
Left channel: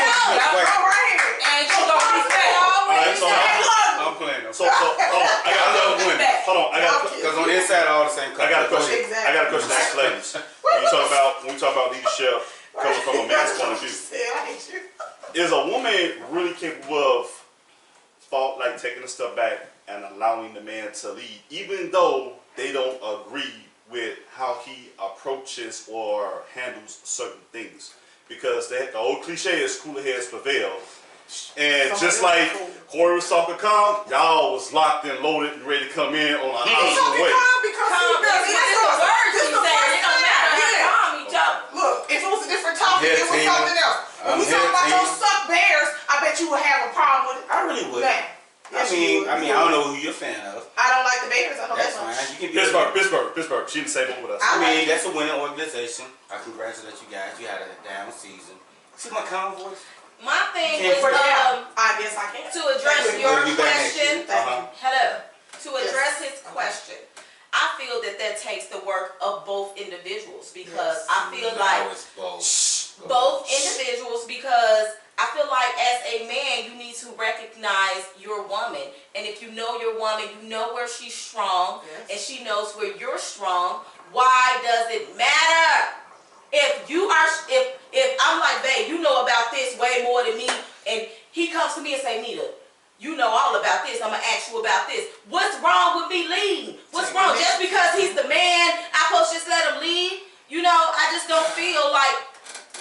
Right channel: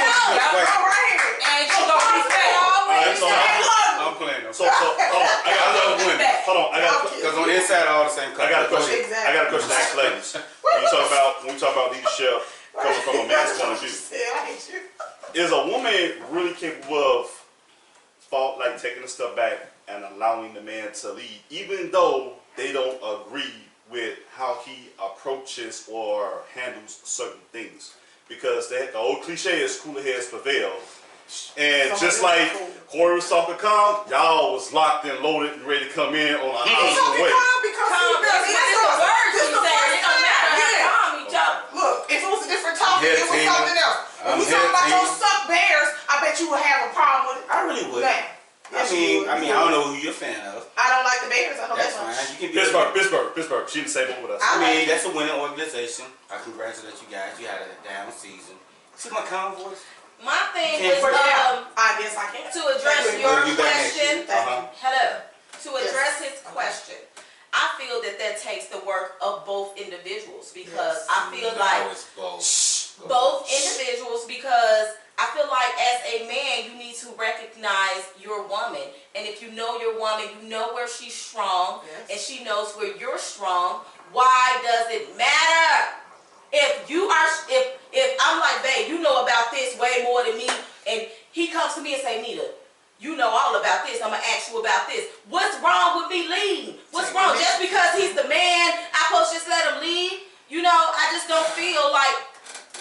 hold on. Because on the inside, all the same color. I got a question. Exactly. I got a question to ask ladies. When we talk about leadership coming from a man's point of view, I hate you. is a woman really capable of taking a step back and allowing the man to lead, even though they don't agree with how he approaches or handles certain things? Because the old cliche is cooler heads prevail. And just like Corey was talking calm, y'all was locked and loaded and ready to come in on a hostile way. Calm, that's the words you say. It don't matter how calm you talk. Look, if it was a different topic, it was something else. When we talk about those suck bears, I bet you would have a problem with it. I really would. Man. Yes, you would. I don't know who you're a fan of. I don't like the Bears. I know That's that much. fine. You can be Pittsburgh. She didn't say what with us. I mean, that's a winning organization. I congratulate you guys. You had a down season. See my calm voice? My thing Can't was put it I guess I can. to address your We'll be back next year. question. Hello. To Yes. address his question, I feel that takes the work of both individuals because I feel like both individuals because I feel like as a man you need to recognize your woman, and if you know your woman, you know where she's strong, and she knows where you're strong. Why does it matter? If I'm like, babe, you know about this way more than me, and he comes to me and say, Nita, you know all about this, I'm gonna ask you about this. What's wrong with me leading? What's wrong? Just because he's the man, I supposed to just let him lead? You know, I just don't feel like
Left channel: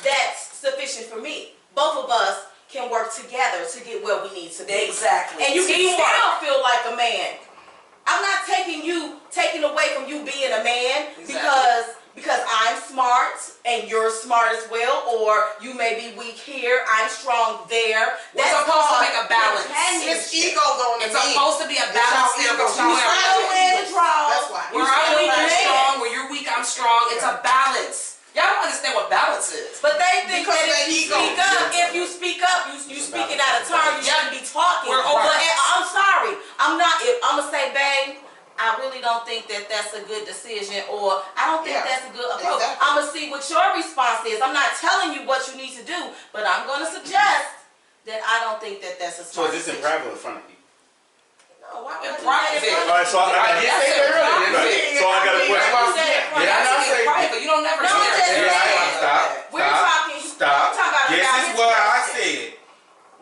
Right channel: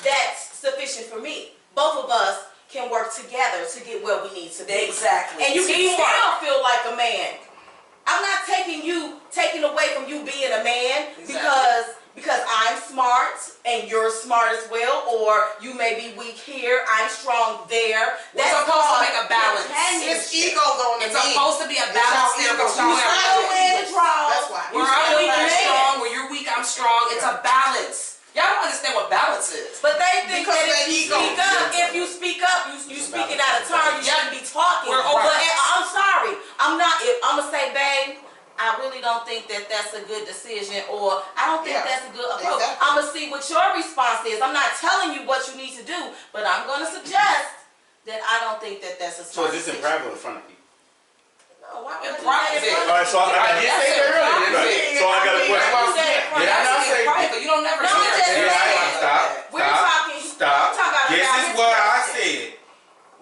that's sufficient for me. Both of us can work together to get where we need to be. Exactly. And you can Teamwork. still feel like a man. I'm not taking away from you being a man because I'm smart and you're smart as well, or you may be weak here, I'm strong there. We're supposed to make a balance. It's egos on the It's supposed to be a balance there between That's why. where I'm weak, you're strong. Where you're weak, I'm strong. It's a balance. Y'all don't understand what balance is. But they think Because that of if that ego. you speak up, you speaking out of turn, you shouldn't be talking. We're But over- I'm sorry, I'm gonna say, babe, I really don't think that that's a good decision, or I don't think that's a good approach. Exactly. I'm gonna see what your response is. I'm not telling you what you need to do, but I'm gonna suggest that I don't think that that's a So smart is this in decision. private or in front of people? No, why would I In do private. that in front All of right, so I got did say that earlier, didn't Right. So I got a question. you? Do that in front of Did I not you. say- Private. You don't never No, do I'm that. just Yeah, saying. stop. We're talking. Stop. I'm talking about This about is his what I question. said.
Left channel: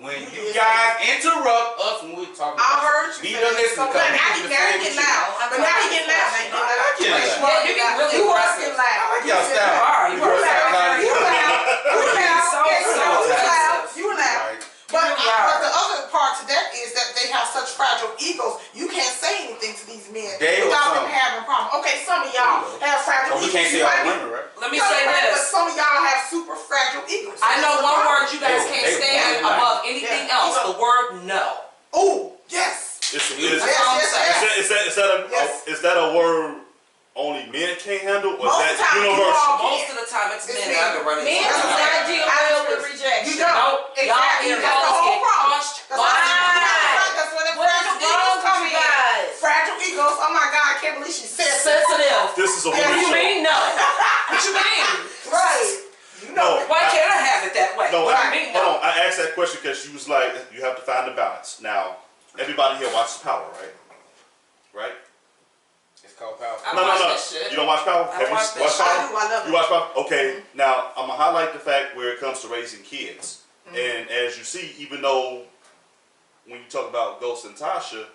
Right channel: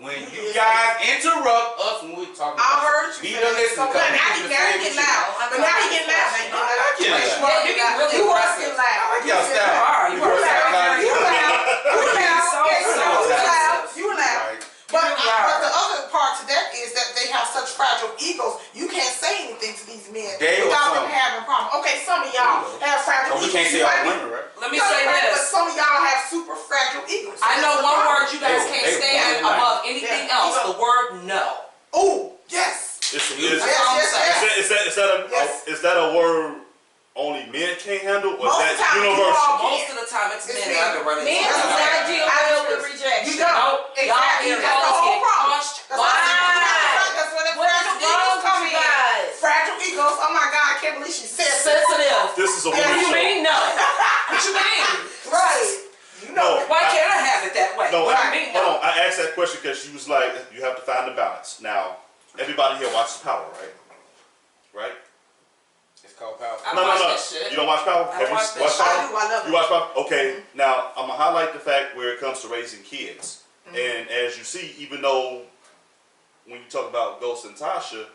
When you guys interrupt us when we're talking I about heard be you. the listener. So now he getting loud. But now he getting loud. I get it. Yeah, you get really You was aggressive. getting loud. I like y'all style. are. You You are loud. very You loud. You loud. So Yeah, you loud. aggressive. You loud. Right. But You loud. the other part to that is that they have such fragile egos. You can't say anything to these men They or without them some. having problems. Okay, some of y'all have fragile Oh, we egos. can't say You all might be- women, right? Let me No, say right, But this. some of y'all have super fragile egos. I know one word you guys They- can't they stand want it above like- anything Yeah. else. The word no. Oh, yes. Is Yes, yes, yes. is that a word only men can't handle, or Most is of the that time, you universal? all Most of the time, it's It's men men. that are running. Men into do that. not deal well with rejection. You don't. Nope. Exactly. Y'all That's the egos whole get problem. punched. That's Why? That's where the What is fragile wrong egos with come you in. guys? Fragile egos. Oh my God, I can't believe she said that. Sensitive. This is a Yeah, women's You show. mean no? What you mean? Right. You know. No. Why can't I have it that way? No, What do right. you mean hold no? on. I asked that question because she was like, you have to find the balance. Now, everybody here watches Power, right? Right? It's called power. I No. watch that shit. You don't watch Power? I Have you watch that watched shit. Power? I do. I love it. You watch Power? Okay. Now, I'm gonna highlight the fact where it comes to raising kids. And as you see, even though when you talk about Ghost and Tasha,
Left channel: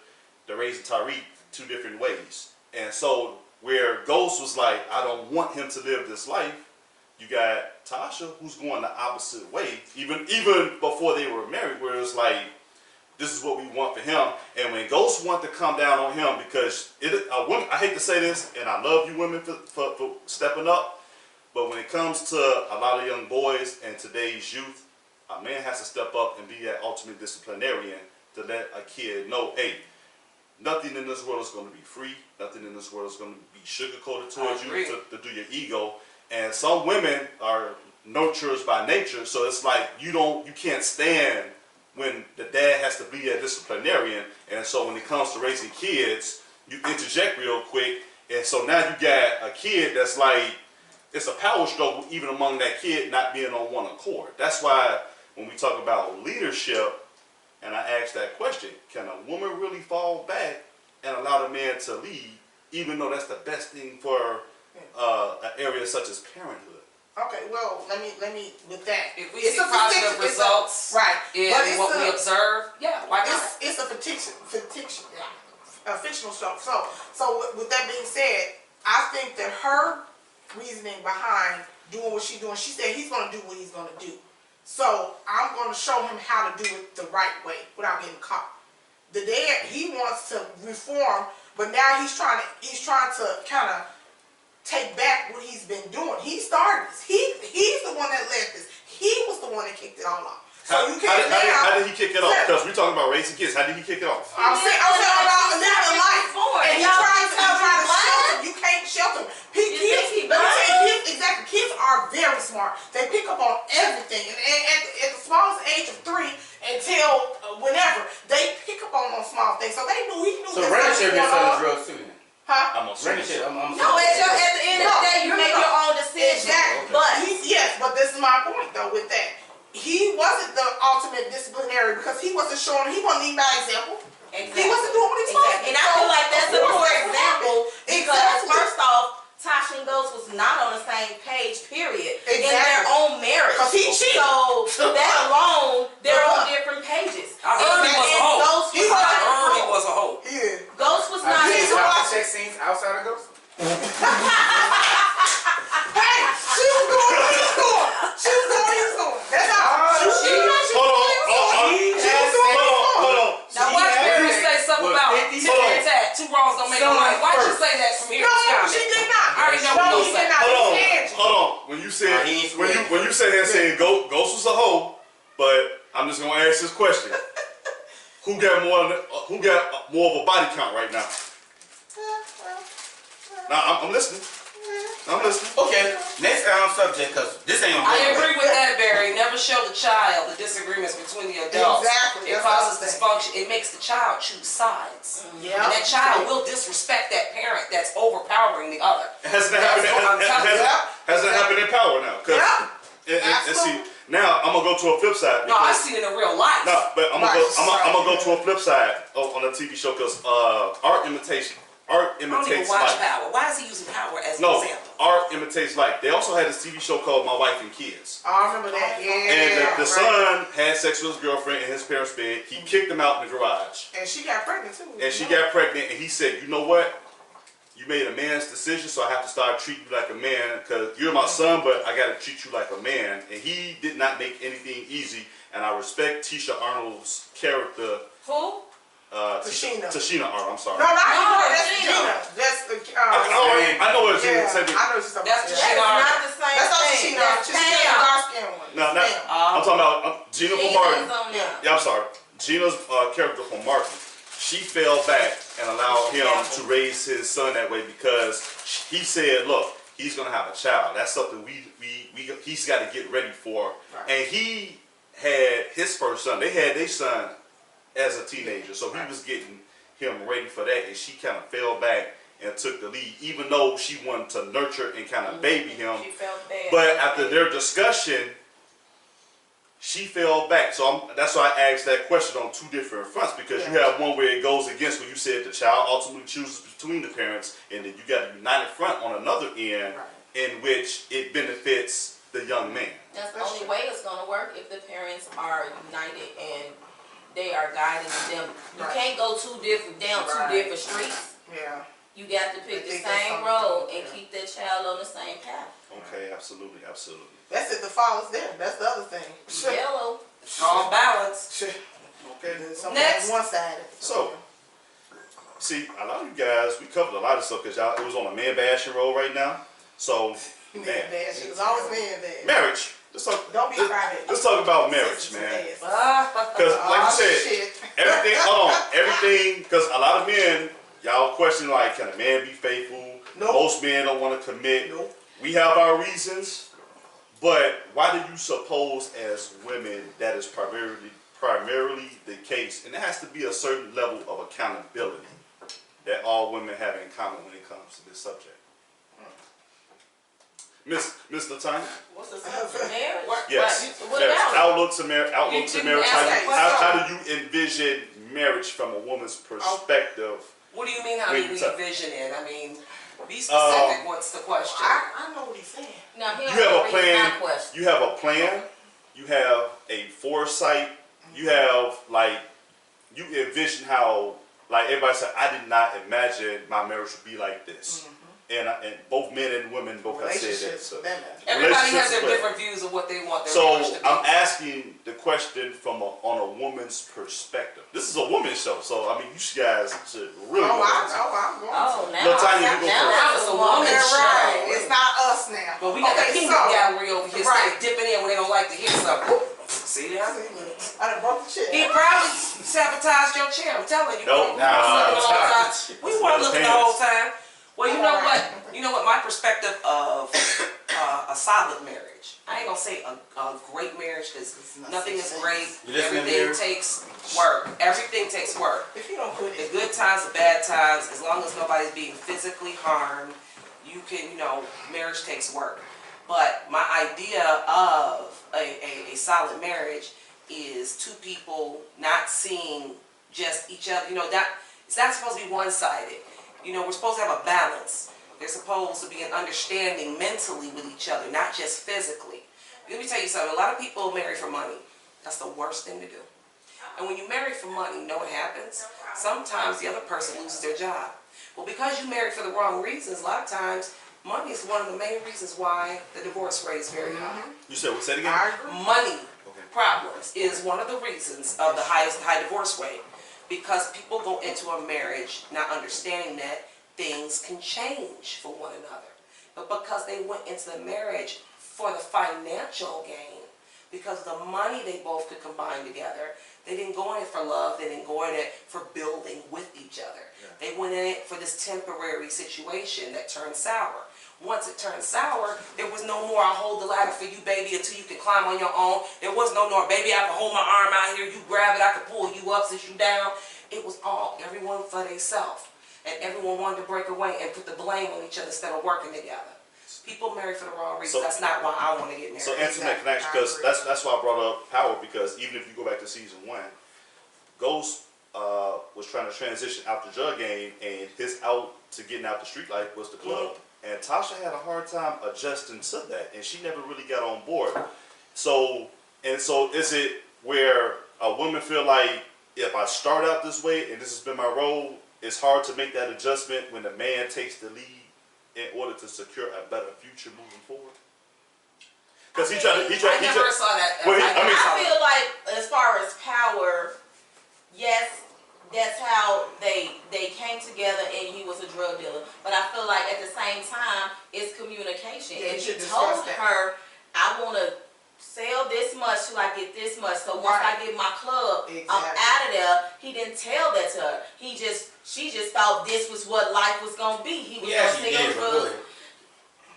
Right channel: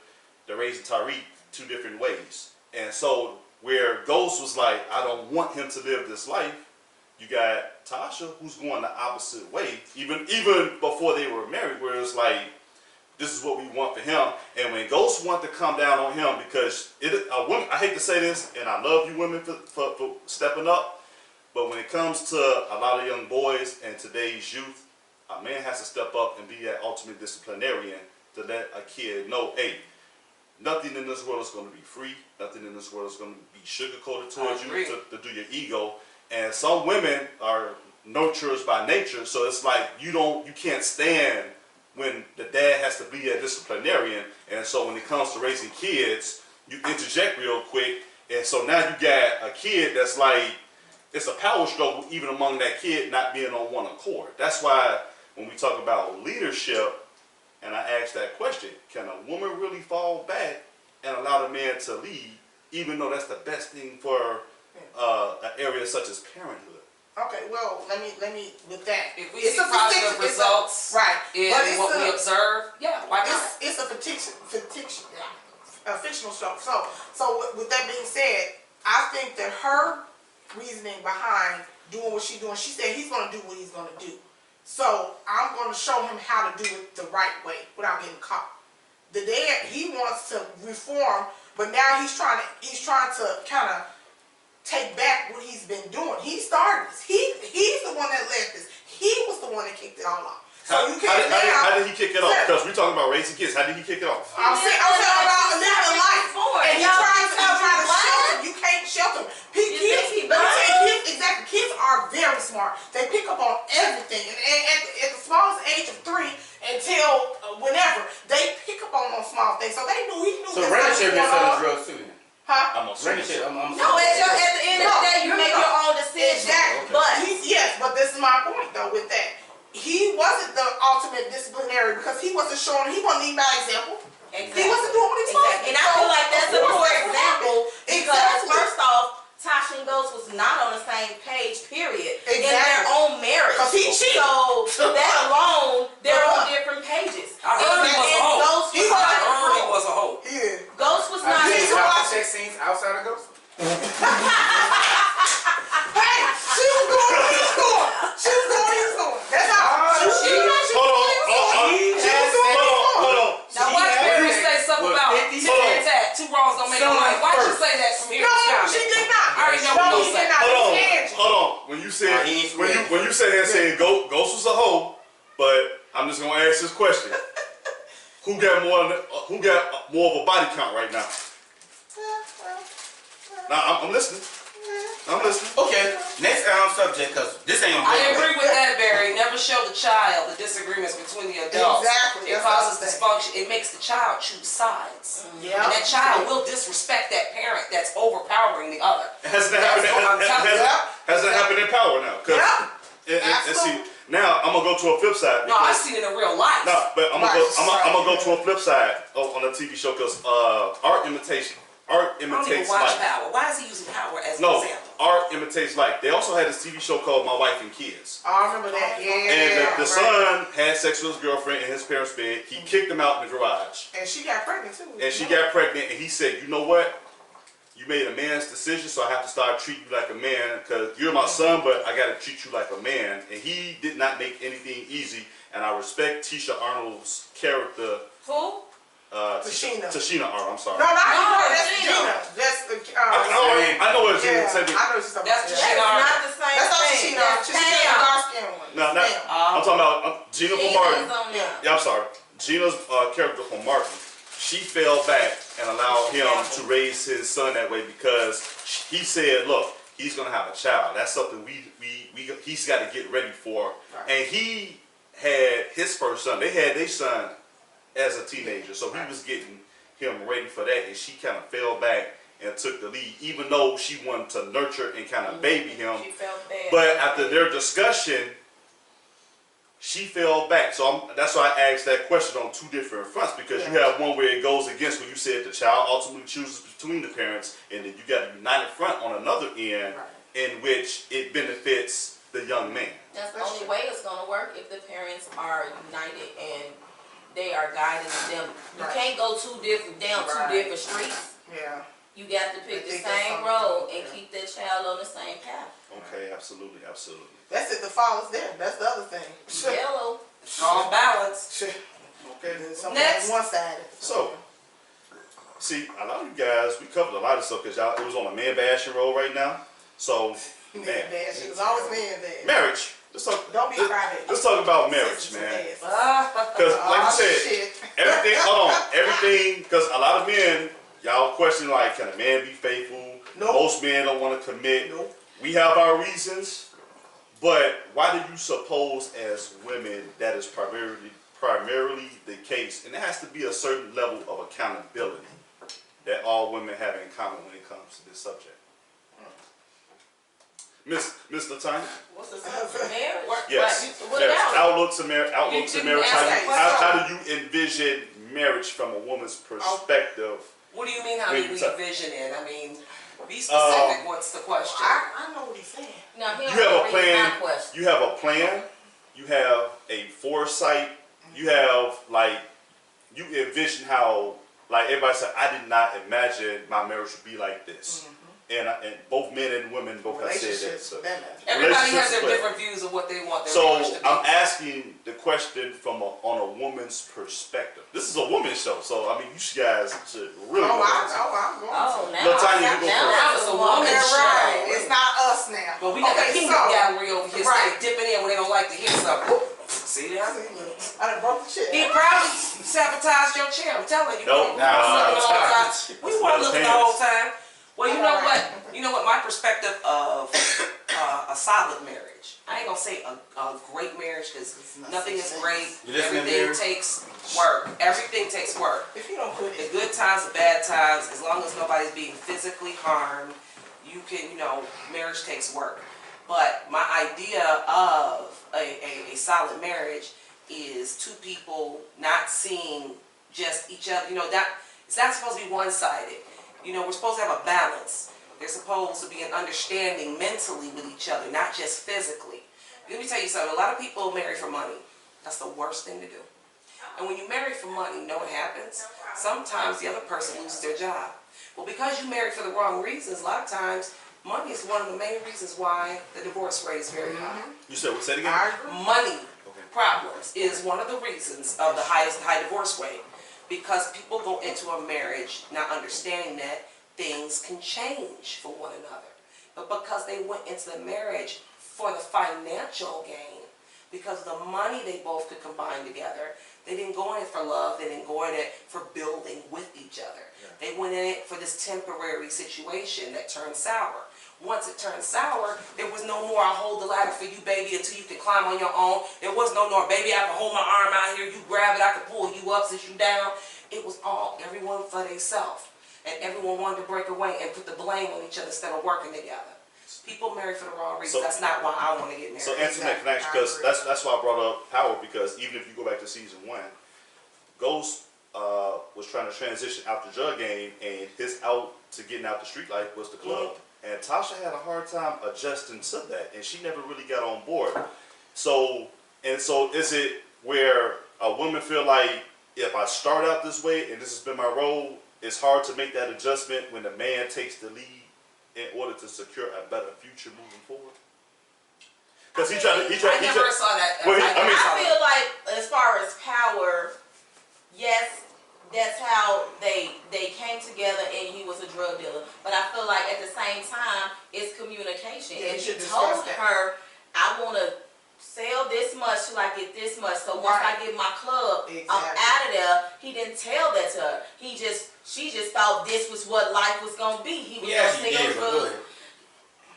they're raising Tariq two different ways. And so where Ghost was like, I don't want him to live this life, you got Tasha who's going the opposite way. Even before they were married, where it's like, this is what we want for him. And when Ghost want to come down on him, because I hate to say this, and I love you women for stepping up, but when it comes to a lot of young boys and today's youth, a man has to step up and be that ultimate disciplinarian to let a kid know, hey, nothing in this world is going to be free. Nothing in this world is going to be sugar-coated towards you to do your ego. And some women are nurturers by nature, so it's like you can't stand when the dad has to be a disciplinarian. And so when it comes to raising kids, you interject real quick. And so now you got a kid that's like, it's a power struggle even among that kid not being on one accord. That's why when we talk about leadership, and I ask that question, can a woman really fall back and allow the man to lead, even though that's the best thing for an area such as parenthood. Okay, well, let me with that. If we It's see a positive fiction- it's a- results right? in But it's what we a- observe, yeah, why not? It's a fictional show. So with that being said, I think that her reasoning behind doing what she's doing, she said he's going to do what he's going to do. So I'm going to show him how to do it the right way without getting caught. The dad, he wants to reform, but now he's trying to kind of take back what he's been doing. He started this. He's the one that led this. He was the one that kicked it all off. So you can't How did he kick it off? Because we're talking about raising kids. How did he kick it off? I'm saying about living life. And he tried to shelter. You can't shelter. Kids are very smart. They pick up on everything. And at the smallest age of 3 until whenever, they pick up on those small things. So he knew. So Brandon should be selling drugs too then. Huh? I'm Brandon should. No, at the end of the day, you make your own decision. Exactly. But But this is my point though with that. He wasn't the ultimate disciplinary because he wasn't showing, he wasn't leading by example. exactly. He wasn't doing what he was supposed to. And I feel like that's a poor example because Exactly. first off, Tasha and Ghost was not on the same page, period, in their Exactly. own marriage. 'Cause he cheated. So that alone, they're on different pages. I heard he was a hoe. Ghost He was was- I not. heard he was a hoe. Yeah. Ghost was not. Have you He's seen a- chocolate sex scenes outside of Ghost? Hey, she was doing what he was doing. She was doing what he was doing. That's all. She was doing what he was doing. Hold on. Now watch Barry say something about tit and tat. Two wrongs don't make a right. Why'd you say that from here to No, comment? she did not. I already know what No, you she said. did not. It's Angie. Hold on. When you said he needs to when you said that saying Ghost was a hoe, but I'm just gonna ask this question: Who got more of a body count right now? Now I'm listening. I'm listening. Okay, next subject, because this ain't on I agree with that, Barry. Never show the child the disagreements between the adults. Exactly. It That's causes what I'm dysfunction. It makes the child choose sides. Yeah. And that child will disrespect that parent that's overpowering the other. Hasn't that happened? That's what I'm telling you. Hasn't that happened in Power now? 'Cause- Yeah. and see, now I'm gonna go to a flip side. No, I've because- seen it in real life. No, but I'm Right. gonna go to a flip side on a TV show because art imitates I don't even life. watch Power. Why is he using Power as an No, example? art imitates life. They also had this TV show called My Wife and Kids. Oh, I remember that. Yeah. And the right. son had sex with his girlfriend in his parents' bed. He kicked him out in the garage. And she got pregnant too. And she got pregnant, and he said, "You know what? You made a man's decision, so I have to start treating you like a man because you're my son, but I got to treat you like a man." And he did not make anything easy, and I respect Tisha Arnold's character. Who? Tashina. Tashina Arnold, I'm sorry. No, No, that's Gina. Gina. That's the. I know what Yeah, Gina said. I know what you're talking That's about. Tashina. That's not the same That's not thing. Tashina. That's Tashina, the Pam. dark skinned one. No, not, Pam. I'm talking about Gina from Martin. Gina's on there. Yeah, I'm sorry. Gina's character from Martin. She fell back and allowed him to raise his son that way because he said, "Look, he's gonna have a child. That's something he's got to get ready for." Right. And he had his first son. They had their son as a teenager, so he was getting him ready for that. And she kind of fell back and took the lead, even though she wanted to nurture and kind of baby him. She felt bad. But after their discussion, she fell back. So that's why I asked that question on two different fronts, because you have one where it goes against what you said the child ultimately chooses between the parents, and then you got a united front on another end in which it benefits the young man. That's the only way it's gonna work if the parents are united and they are guiding them. You Right. can't go down two Right. different streets. Yeah. You got to pick I the think that's same something road to- and yeah. keep that child on the same path. Okay, absolutely, absolutely. That's it. The fall is there. That's the other thing. Yellow. Strong balance. Okay. Something Next. one sided. So, see, a lot of you guys, we covered a lot of stuff because y'all, it was on a man bashing roll right now. So, Man bad. She was always man bad. marriage. Let's talk. Don't be private. Let's talk about marriage, man. Ah, Because, like you said, Shit. everything. Hold on, everything. Because a lot of men, y'all question like, can a man be faithful? Nope. Most men don't want to commit. Nope. We have our reasons, but why do you suppose, as women, that is primarily the case? And there has to be a certain level of accountability that all women have in common when it comes to this subject. Miss Latanya? What's the sense of marriage? Yes. What Yes. about it? Outlook to marriage. didn't How ask that do you envision marriage from a woman's perspective? What do you mean, how Wait, do we so- envision it? I mean, be specific, what's the question? I know what he's saying. Now, he You don't have a read plan. my question. You have a plan. You have a foresight. You have like you envision how like everybody said. I did not imagine my marriage would be like this. And both men and women both have said that. Relationships So, for that matter. Everybody has relationships their as well. different views of what they want their so marriage to be. I'm asking the question from on a woman's perspective. This is a woman's show, so I mean, you guys should really. Oh, go I into it. know. I'm going Oh, to. now, Look, Tanya, you go now first. that's It's a a woman's woman's You're show. right. It's not us now. But we got the Okay, peanut so- gallery over here, Right. stay dipping in when they don't like to hear something. See that? I done broke the chair. He probably sabotaged your chair. I'm telling you. Nope. We weren't looking the whole time. We weren't looking the whole time. Well, you know what? You know what? My perspective of a solid marriage. I ain't gonna say a great marriage because nothing is great. You listening, Everything Mary? takes work. Everything takes work. If you don't put The it, good times, the bad times, as long as nobody's being physically harmed, you can, marriage takes work. But my idea of a solid marriage is two people not seeing just each other, it's not supposed to be one-sided. We're supposed to have a balance. There's supposed to be an understanding mentally with each other, not just physically. Let me tell you something, a lot of people marry for money. That's the worst thing to do. And when you marry for money, you know what happens? Sometimes the other person loses their job. Well, because you married for the wrong reasons, a lot of times, money is one of the main reasons why the divorce rate is very high. You said what? Say it again. I agree. Money Okay. problems is one of the reasons of the high divorce rate. Because people go into a marriage not understanding that things can change for one another. But because they went into the marriage for the financial gain, because the money they both could combine together, they didn't go in it for love, they didn't go in it for building with each other. They went in it for this temporary situation that turned sour. Once it turned sour, there was no more, I'll hold the ladder for you, baby, until you can climb on your own. There was no more, baby, I can hold my arm out here, you grab it, I can pull you up, sit you down. It was all everyone for themselves. And everyone wanted to break away and put the blame on each other instead of working together. People marry for the wrong reasons. So- That's not why I want to get married. So Antoinette, can I ask you, because that's why I brought up Power, because even if you go back to season 1, Ghost was trying to transition out the drug game, and his out to getting out the street life was the club. And Tasha had a hard time adjusting to that, and she never really got on board. So is it where a woman feel like, if I start out this way and this has been my role, it's hard to make that adjustment when the man takes the lead in order to secure a better future moving forward? Because he tried. I never saw that. Well, I never saw I feel like, as far as Power, yes, that's how they came together, and he was a drug dealer. But I feel like at the same time, it's communication. Yeah, and you he should told discuss that. her, I want to sell this much till I get this much. So once I get my club, I'm Exactly. out of there. He didn't tell that to her. She just thought this was what life was gonna be. He was Yeah, gonna she sell did, but go drugs. ahead.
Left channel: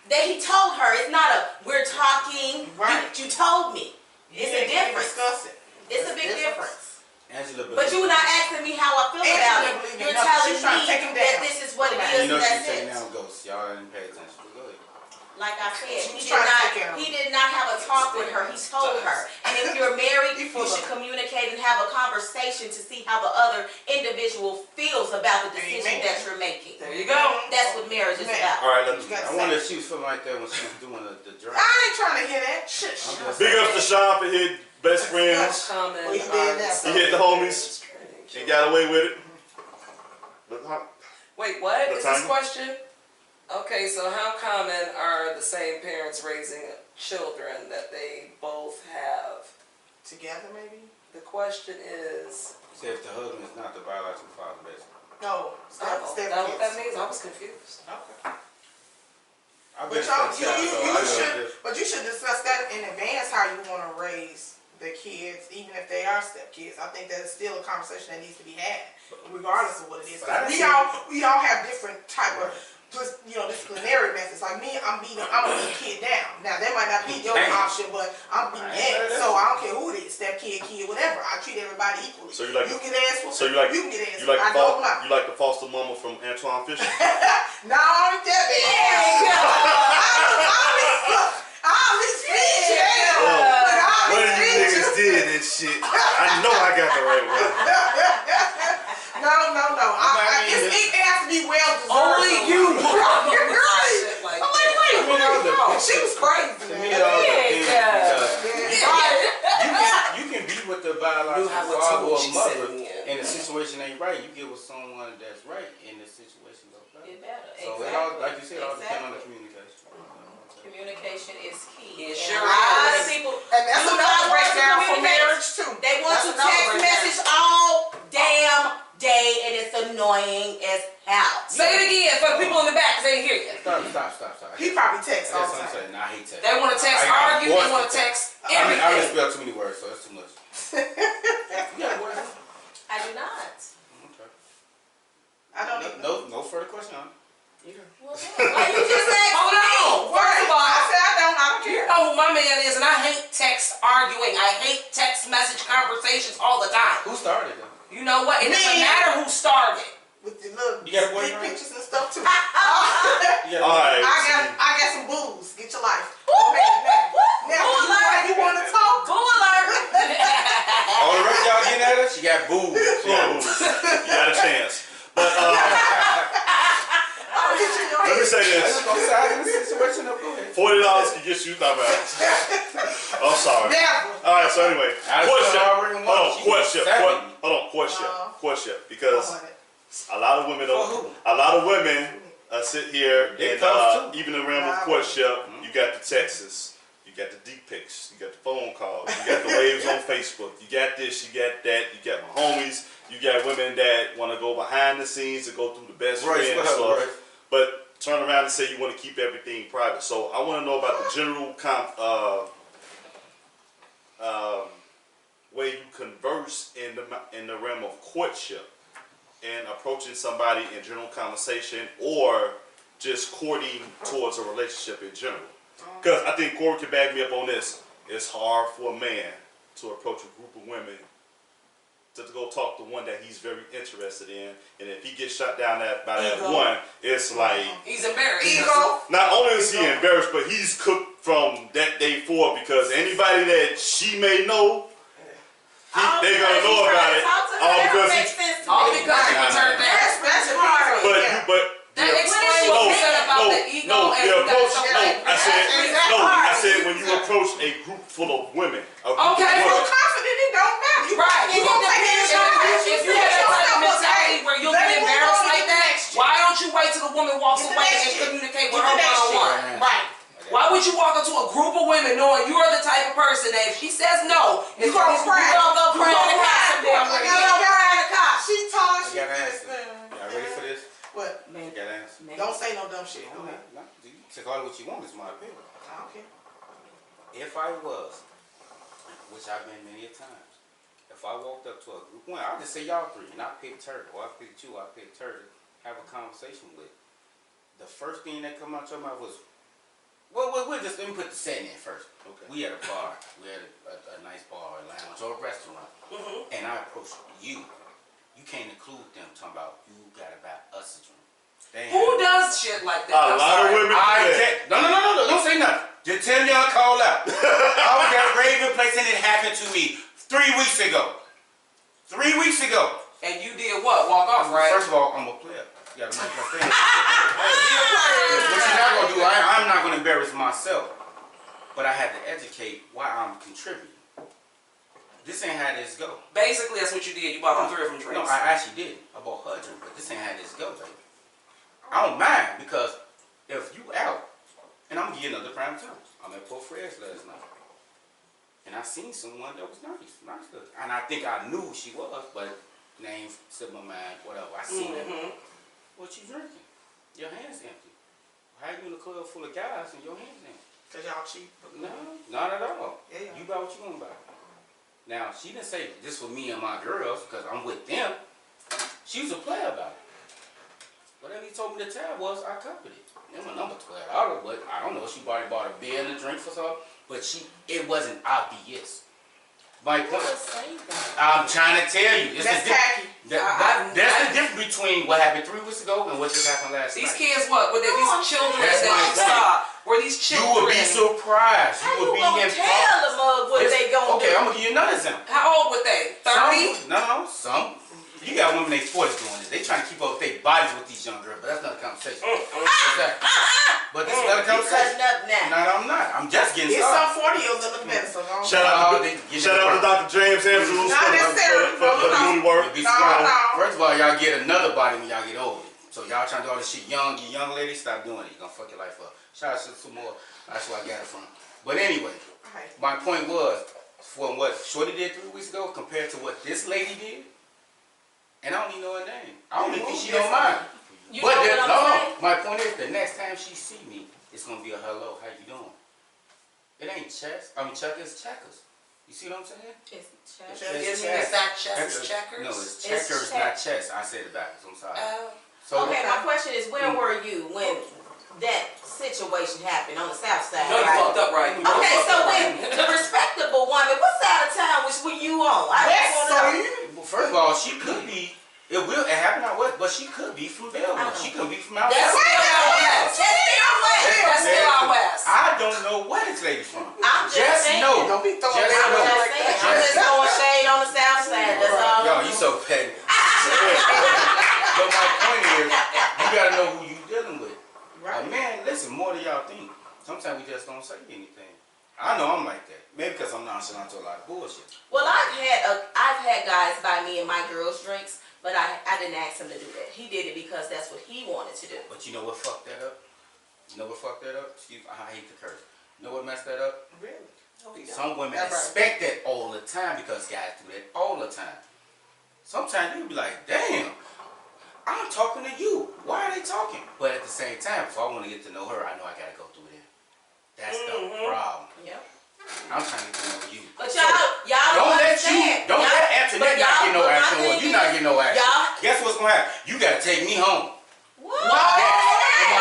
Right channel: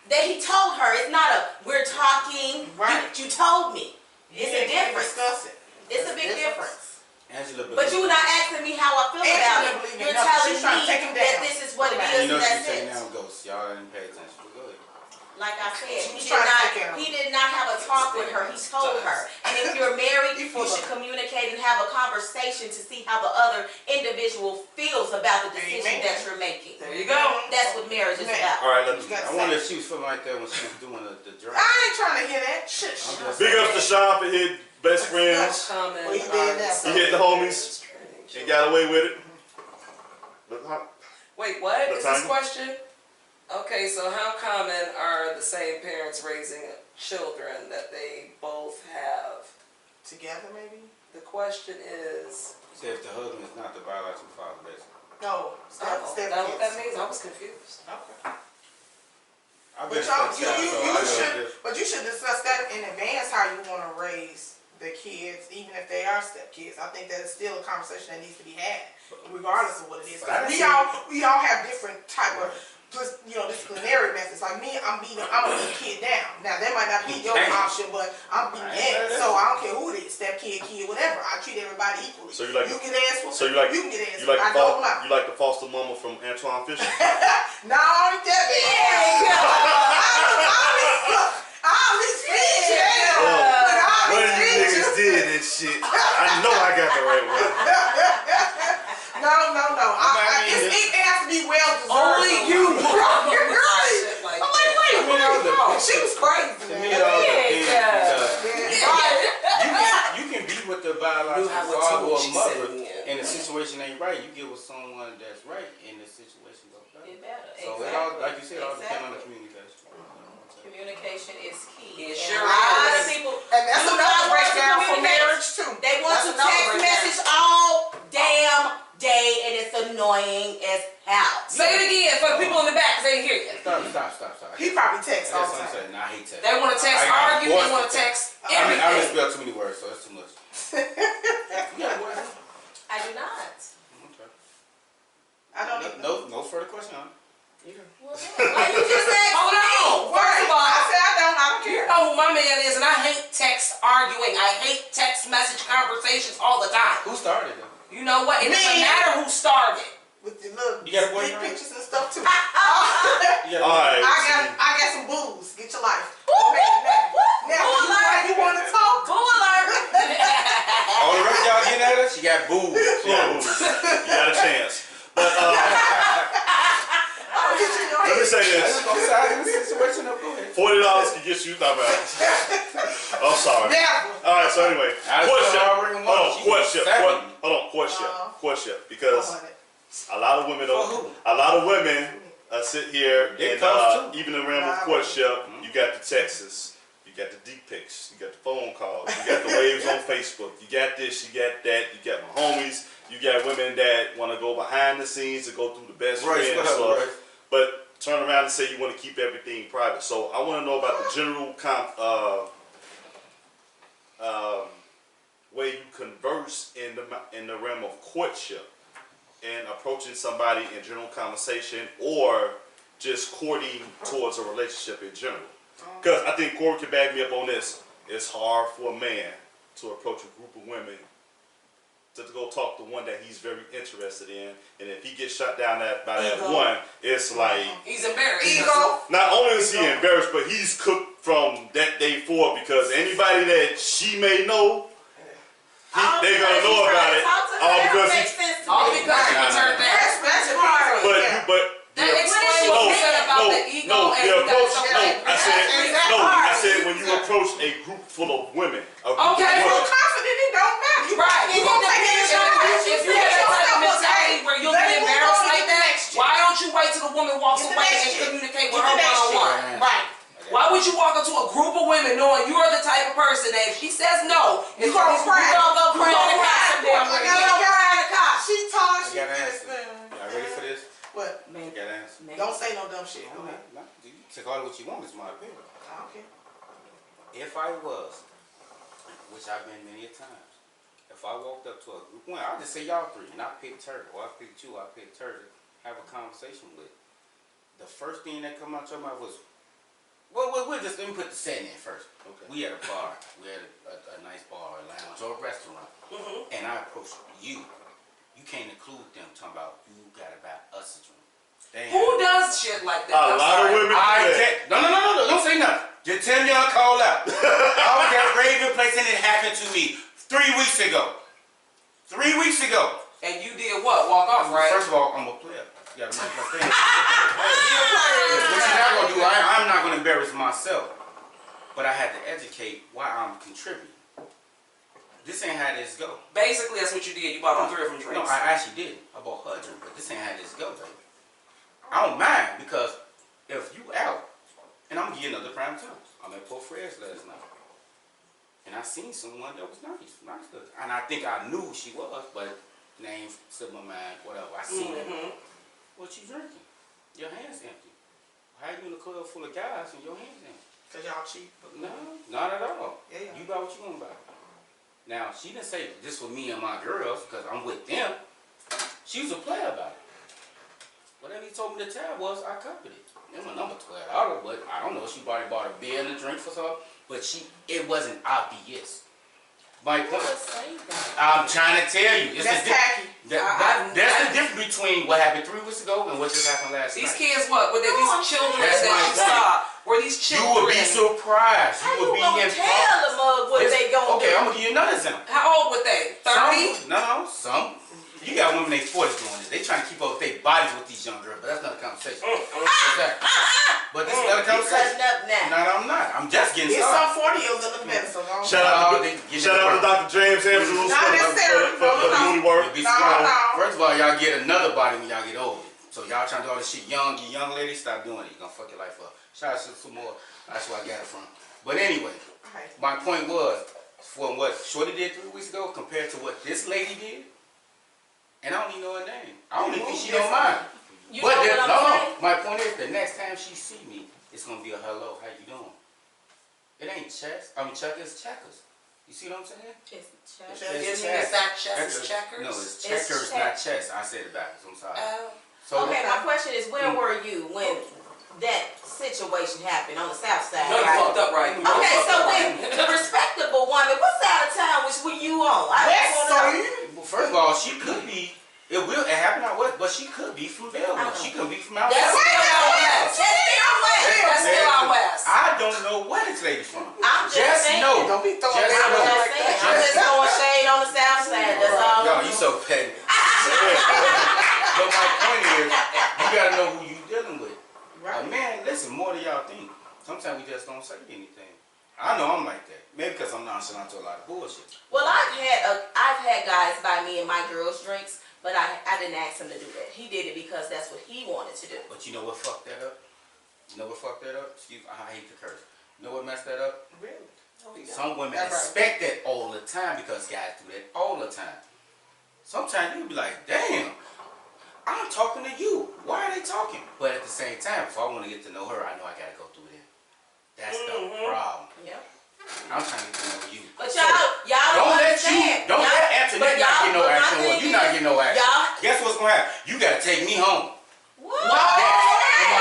That he told her. It's not a we're talking. Right. You told me. It's a difference. Discuss it. It's a big difference. Angela, But you're not asking me how I feel Angela about didn't believe it. in You're nothing. telling She's trying to take me him that down. this is what it Right. is, you know and she's that's taking it. down ghosts. Y'all didn't pay attention. But go ahead. Like I said, She's trying to take care of him. he did not have a talk with her. He told her. And if you're married, He you full should of- communicate and have a conversation to see how the other individual feels about the decision Amen. that you're making. There you go. That's what marriage is Man. about. All right, let's. You got I wonder if she was feeling like that when she was doing the drink. I ain't trying to hear that. Shit. I'm just- Big ups to Sean for his best friends. Common Well, he did are that. the He hit the homies and got away with it. Look, Wait, what is this Latanya? question? Okay, so how common are the same parents raising children that they both have? Together, maybe? The question is, Say if the husband is not the biological father, basically. No. Step that what that kids. means? I was confused. Okay. I've But been y'all, step child, so I you know should, this. but you should discuss that in advance, how you want to raise the kids, even if they are step kids. I think that is still a conversation that needs to be had, regardless of what it is. 'Cause But I we see- all have different type of, disciplinary methods. Like me, I'm gonna beat a kid down. Now that might not be your Damn. option, but I'm beating ass. So I don't care who it is, step kid, whatever. I treat everybody equally. So you like you the- get ass whooped, so you like can get ass you whooped. like I don't know. you like the foster mama from Antoine Fisher. No, I ain't that bad. I always feed you. Look, I One always of you feed you. niggas did this shit. I know I got the right one. No. I mean, She was crazy. To me, man. it all depends because Right. you can be with the You biological have what father or she mother, said, yeah. and the situation ain't right. You get with someone that's right, and the situation goes better. It better. So Exactly. it all, like you said, it all depends on the Exactly. communication. Communication is key. It And sure a lot of is. people And that's do another not want to breakdown for communicate. marriage too. They want That's to another text breakdown. message all damn day, and it's annoying as hell. Say it again for the people in the back, 'cause they didn't hear you. Stop. He probably texts all That's the what I'm time. saying. Nah, I hate text. They want to text, I argue, they forced want to to text I everything. misspell too many words, so that's too much. Yeah, what? I do not. Okay. I don't even know. No further question on it. Well, why you just asked Hold on. me? First of all, I said I don't you care. know who my man is, and I hate text arguing. I hate text message conversations all the time. Who started though? You know what? It doesn't Me. matter who started. With the little You got a dick boyfriend? pictures and stuff too. Yeah. Alright. I got some booze. Get your life. Woo, woo, Okay, woo, woo. now Boo alert. you want to talk? Boo alert. All the rest of y'all getting at her, she got booed. You got a chance. But I'll get you in your let me head. say Let's this: go side in the situation up. Go ahead. $40 can get you. Not bad. I'm sorry. Never. All right. So anyway, I courtship. still already won. Hold on, She courtship. was 70. Hold on, courtship. Courtship. Because 100. a lot of women don't. For who? A lot of women sit here It and comes too. even in the realm of courtship, you got the texts, you got the deep pics, you got the phone calls, you got the waves on Facebook, you got this, you got that, you got my homies, you got women that want to go behind the scenes to go through the best Right, friend what up, stuff, Royce? but turn around and say you want to keep everything private. So I want to know about the general way you converse in the realm of courtship and approaching somebody in general conversation or just courting towards a relationship in general. Because I think Corey can back me up on this. It's hard for a man to approach a group of women to go talk to one that he's very interested in, and if he gets shot down by that Ego. one, it's like He's embarrassed. Ego. not only is he embarrassed, but he's cooked from that day forward because anybody that she may know, they're gonna know about it. All because he, All because you turned down. That's hard. but That the- explains what you said about the ego and the you approach. got No, something I said That's no. hard. I said when you approach a group full of women. A group Okay. of You're women. confident, it don't matter. You Right. You gonna take it as your life. If you have that type of mentality where you'll Let be me move embarrassed on to like the that, next shit. why don't you wait till the woman walks Get the away next and shit. communicate Get with the her next shit. one-on-one? Right. Why would you walk into a group of women knowing you are the type of person that if she says no, You gonna cry. You gonna go cry in the You car gonna some damn cry. way. You gonna cry in the car. She told I she got an this. answer. Y'all ready for this? What? You got an answer. Don't say no dumb shit. Go No, ahead. no, you can call it what you want. It's my opinion. Okay. If I was, which I've been many a times, if I walked up to a group, one, I'll just say y'all three, and I picked her, or I picked you, I picked her to have a conversation with. The first thing that come out your mouth was, well, we'll just, let me put the setting in first. Okay. We at a bar, we at a nice bar, or lounge, or a restaurant, and I approached you. You can't include them talking about you gotta buy us a drink. They ain't Who having- does shit like that? A I'm lot of sorry. women do I that. no, don't say nothing. Just tell me y'all call out. I was at Raven Place and it happened to me 3 weeks ago. 3 weeks ago. And you did what? Walk off, right? First of all, I'm a player. You gotta make my thing. What you're not gonna do, I'm not gonna embarrass myself. But I had to educate why I'm contributing. This ain't how this go. Basically, that's what you did. You bought them 3 of them drinks. No, I actually did. I bought her a drink, but this ain't how this go, baby. I don't mind because if you out, and I'm gonna give you another prime time. I'm at Port Fred's last night. And I seen someone that was nice looking. And I think I knew who she was, but name slipped my mind, whatever. I seen it. What you drinking? Your hands empty. How you in a club full of guys and your hands empty? Cause y'all cheap. No, not at all. Yeah. You buy what you want to buy. Now, she didn't say this for me and my girls, because I'm with them. She was a player about it. Whatever he told me the tab was, I copied it. It was number $12, but I don't know. She probably bought a beer and a drink for her, but it wasn't obvious. My point, I'm trying to tell you. It's That's the tacky. that's the difference between what happened 3 weeks ago and what just happened last These night. kids, what? Were they these children That's that my you point. saw? Were these You children? would be surprised. How You would you be gonna in tell the mug what they gonna Okay, do? I'm gonna give you another example. How old were they? 30? Some. You got women in their 40s doing this. They trying to keep up with their bodies with these young girls, but that's another conversation. Exactly. But this is another You conversation. cutting up now. not, I'm not. I'm just getting It's started. some 40-years in the better, so don't. Shout out Oh, they to get shout it out to work. Dr. James Andrews Not necessarily, for the no. movie work. Be No, smart. no. First of all, y'all get another body when y'all get older. So y'all trying to do all this shit young, you young ladies, stop doing it. You're gonna fuck your life up. Shout out to some more. That's where I got it from. But anyway, Right. my point was, from what Shorty did 3 weeks ago compared to what this lady did, and I don't even know her name. I don't even think she don't mind. You But know the, what I'm no, saying? my point is, the next time she see me, it's gonna be a hello, how you doing? It ain't chess. I mean, checkers, checkers. You see what I'm saying? It's chess. Isn't it not chess, it's checkers? No, it's It's checkers, check. not chess. I said it backwards. I'm sorry. Oh. So Okay, my question is, where were you when that situation happened on the south side? No, you right? fucked up, right? Okay, so when the respectable woman, what side of town were you on? I just West wanna know. Side. well, first of all, she could be. It happened out west, but she could be from Belleville. She could be from out That's west. still out west. That's still west. That's still out west. I don't know where this lady from. I'm just saying. know. Don't be throwing Just that know. out I'm like just saying. that. I'm just throwing shade on the south side. That's all. Yo, you so petty. But my point is, you gotta know who you dealing with. Right. Man, listen, more than y'all think. Sometimes we just don't say anything. I know I'm like that. Maybe because I'm nonchalant to a lot of bullshit. Well, I've had guys buy me and my girls drinks, but I didn't ask him to do that. He did it because that's what he wanted to do. But you know what fucked that up? You know what fucked that up? Excuse me, I hate to curse. You know what messed that up? Really? Some women That's right. expect that all the time because guys do that all the time. Sometimes you'll be like, damn, I'm talking to you. Why are they talking? But at the same time, if I want to get to know her, I know I gotta go through them. That's the problem. Yeah. I'm trying to get to know you. But y'all Don't let understand. don't let Antoinette not get no action on you. Not get no action. Y'all. Guess what's gonna happen? You gotta take me home. What?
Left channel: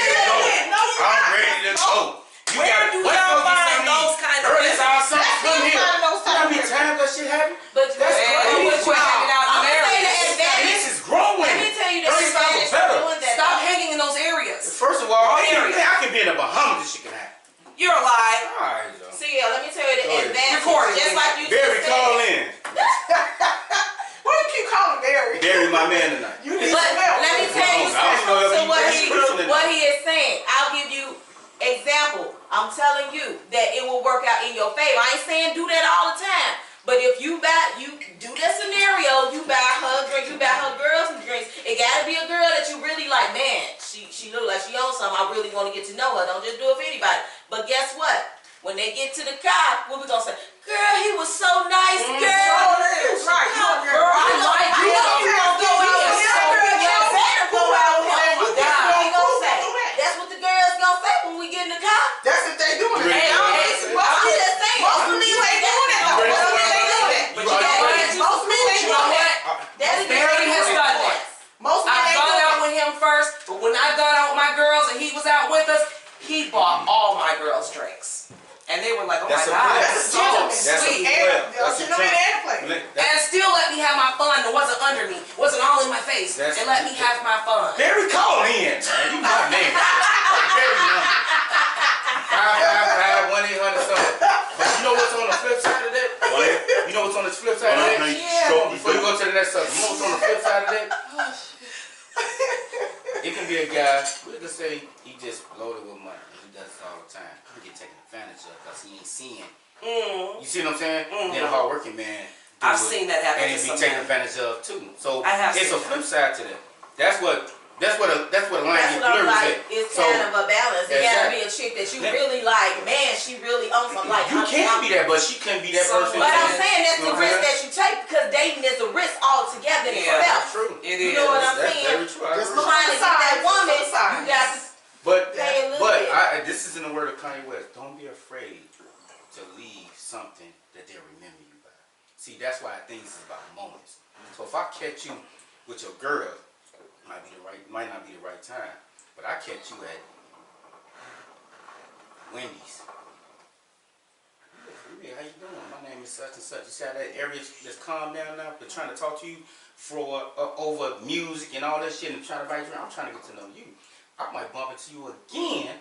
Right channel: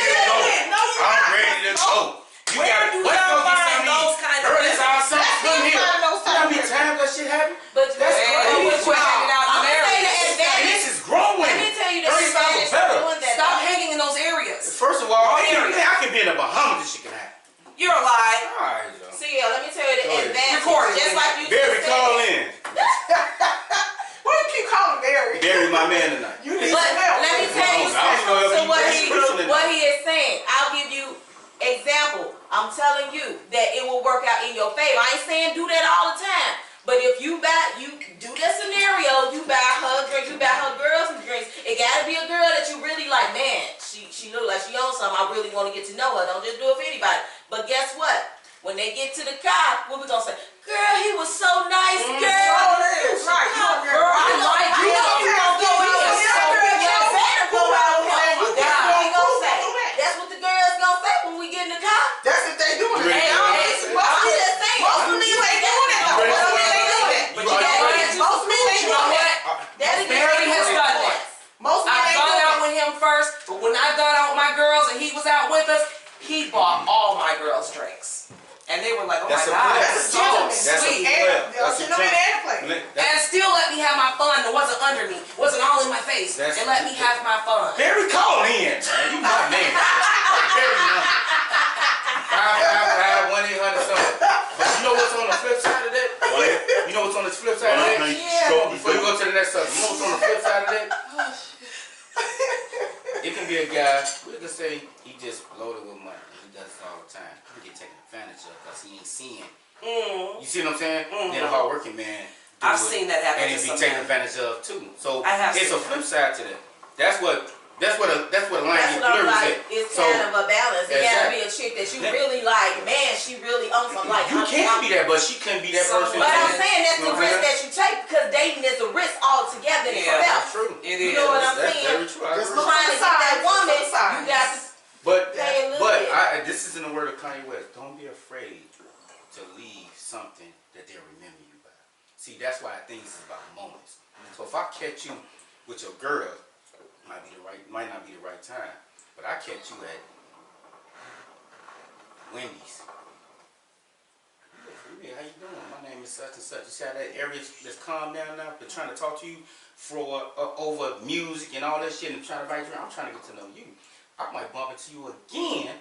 I'm ready to go. You Where gotta, do what's y'all gonna be find some those eat? kind of Early things? our son, come here. find those You know how many times that shit happen? But That's Man, crazy. you quit hanging out in I'm gonna say the areas. advantage. This is growing. Let me tell you the 35 advantage is better. of doing that. Stop hanging in those areas. First of all, Area. I can be in the Bahamas. This shit can happen. You're a lie. All right, yo. See, let me tell you the Go ahead. advantage. Record it. Just like you Barry, just call said. in. Why you keep calling Barry? Barry, my man tonight. You need But some help. let me tell you I don't know if something. So he what preaching tonight. what he is saying, I'll give you example. I'm telling you that it will work out in your favor. I ain't saying do that all the time. But if you do that scenario, you buy her drinks, you buy her girls some drinks. It gotta be a girl that you really like. Man, she look like she owns something. I really want to get to know her. Don't just do it for anybody. But guess what? When they get to the car, what we gonna say? Girl, he was so nice, girl. Sure is. Right. You a girl. I like you. That's what the girls gonna say when we get in the car. That's if they doing it. Hey, Hey, hey, most of them ain't doing it though. You ready Most for of them ain't doing it. But you know what? Most men ain't You know doing what? it. Barry has done that. Most men I've ain't gone doing out it. with him first, but when I got out with my girls and he was out with us, he bought all my girls drinks. And they were like, oh That's my a God, player. that's That's a so gentleman. That's a sweet. player. And That's a gentleman and a player. And still let me have my fun. It wasn't under me. It wasn't all in my face. That's- And let me have my fun. Barry, call in, man. You my name. Barry, man. 555-1800 something. But you know what's on the flip side of that? You know what's on the flip side of that? Before you go to the next subject, you know what's on the flip side of that? It can be a guy, we can say he just loaded with money. He does it all the time. He get taken advantage of because he ain't seeing. You see what I'm saying? Then a hardworking man. do I've it, seen that happen and to it be some taken men. advantage of too. So I have it's a seen flip side to that. That's what a line That's get what I'm blurry like. at. It's So kind of a balance. It gotta Exactly. be a chick that you Yeah. really like. Man, she really owns something. Like you can be that, but she couldn't be that Someone- person. But I'm Yeah. saying that's the risk that you take because dating is a risk altogether in Yeah. itself. That's true. It You is. know what I'm That's saying? very true. I Just agree. Trying to get that woman, you got to But pay a little bit. this is in the word of Kanye West. Don't be afraid to leave something that they'll remember you by. See, that's why I think it's about moments. So if I catch you with your girl, might not be the right time. But I catch you at Wendy's. Hey, how you doing? My name is such and such. You see how that area that's calmed down now? They're trying to talk to you for over music and all that shit and trying to invite you around. I'm trying to get to know you. I might bump into you again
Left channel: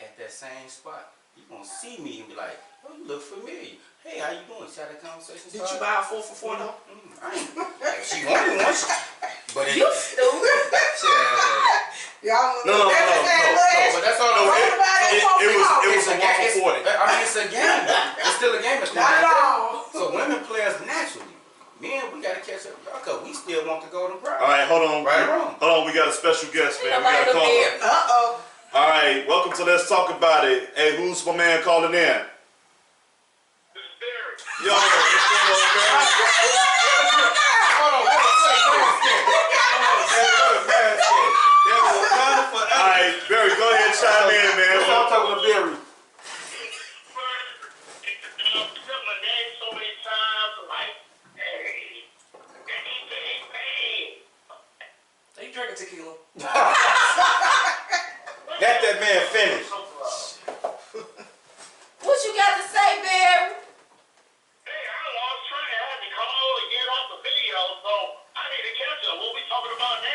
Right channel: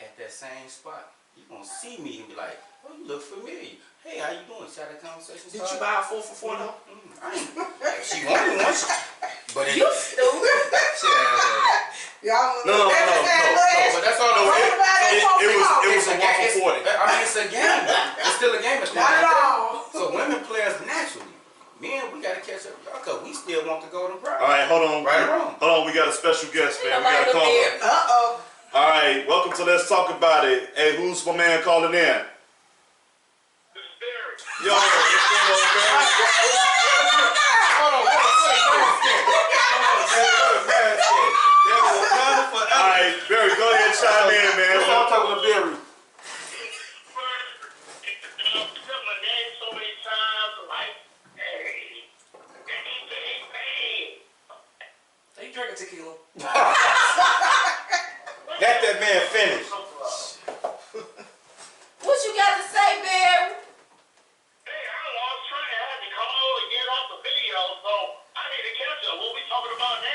at that same spot. You gonna see me and be like, oh, you look familiar. Hey, how you doing? See how that conversation Did you started? buy a 4 for $4 though? I ain't. If she wanted one, but it, You stupid. Y'all No, that just had a little But extra. that's all. No, No, it was a 1 it's- for 40. I mean, it's a game. It's still a game. It's Not at all. So women play us naturally. Men, we gotta catch up with y'all because we still want to go to pride. All right, hold on. Right or wrong? Hold on, we got a special guest, man. We got a Nobody caller. there. Uh-oh. All right, welcome to Let's Talk About It. Hey, who's my man calling in? This is Derek. Yo, what's going on, man? Hold on. All right, Barry, go ahead, chime in, man. I'm talking to Barry. Said my name so many times, like, hey, hey. Are you drinking tequila? Let that man finish. What you got to say, Barry? Hey, I don't know, I was trying to have you call and get off the video, so I need to catch up. What we talking about now?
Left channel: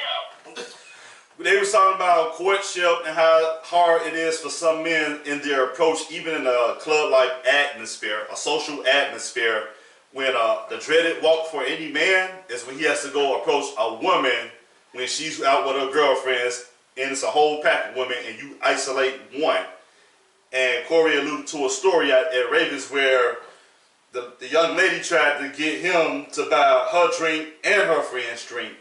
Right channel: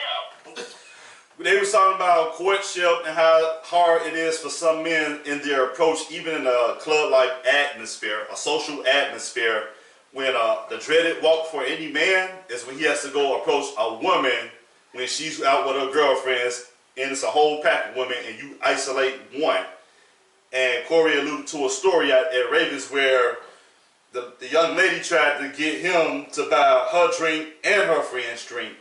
They was talking about courtship and how hard it is for some men in their approach, even in a club-like atmosphere, a social atmosphere, when the dreaded walk for any man is when he has to go approach a woman when she's out with her girlfriends, and it's a whole pack of women, and you isolate one. And Corey alluded to a story at Ravens where the young lady tried to get him to buy her drink and her friend's drink.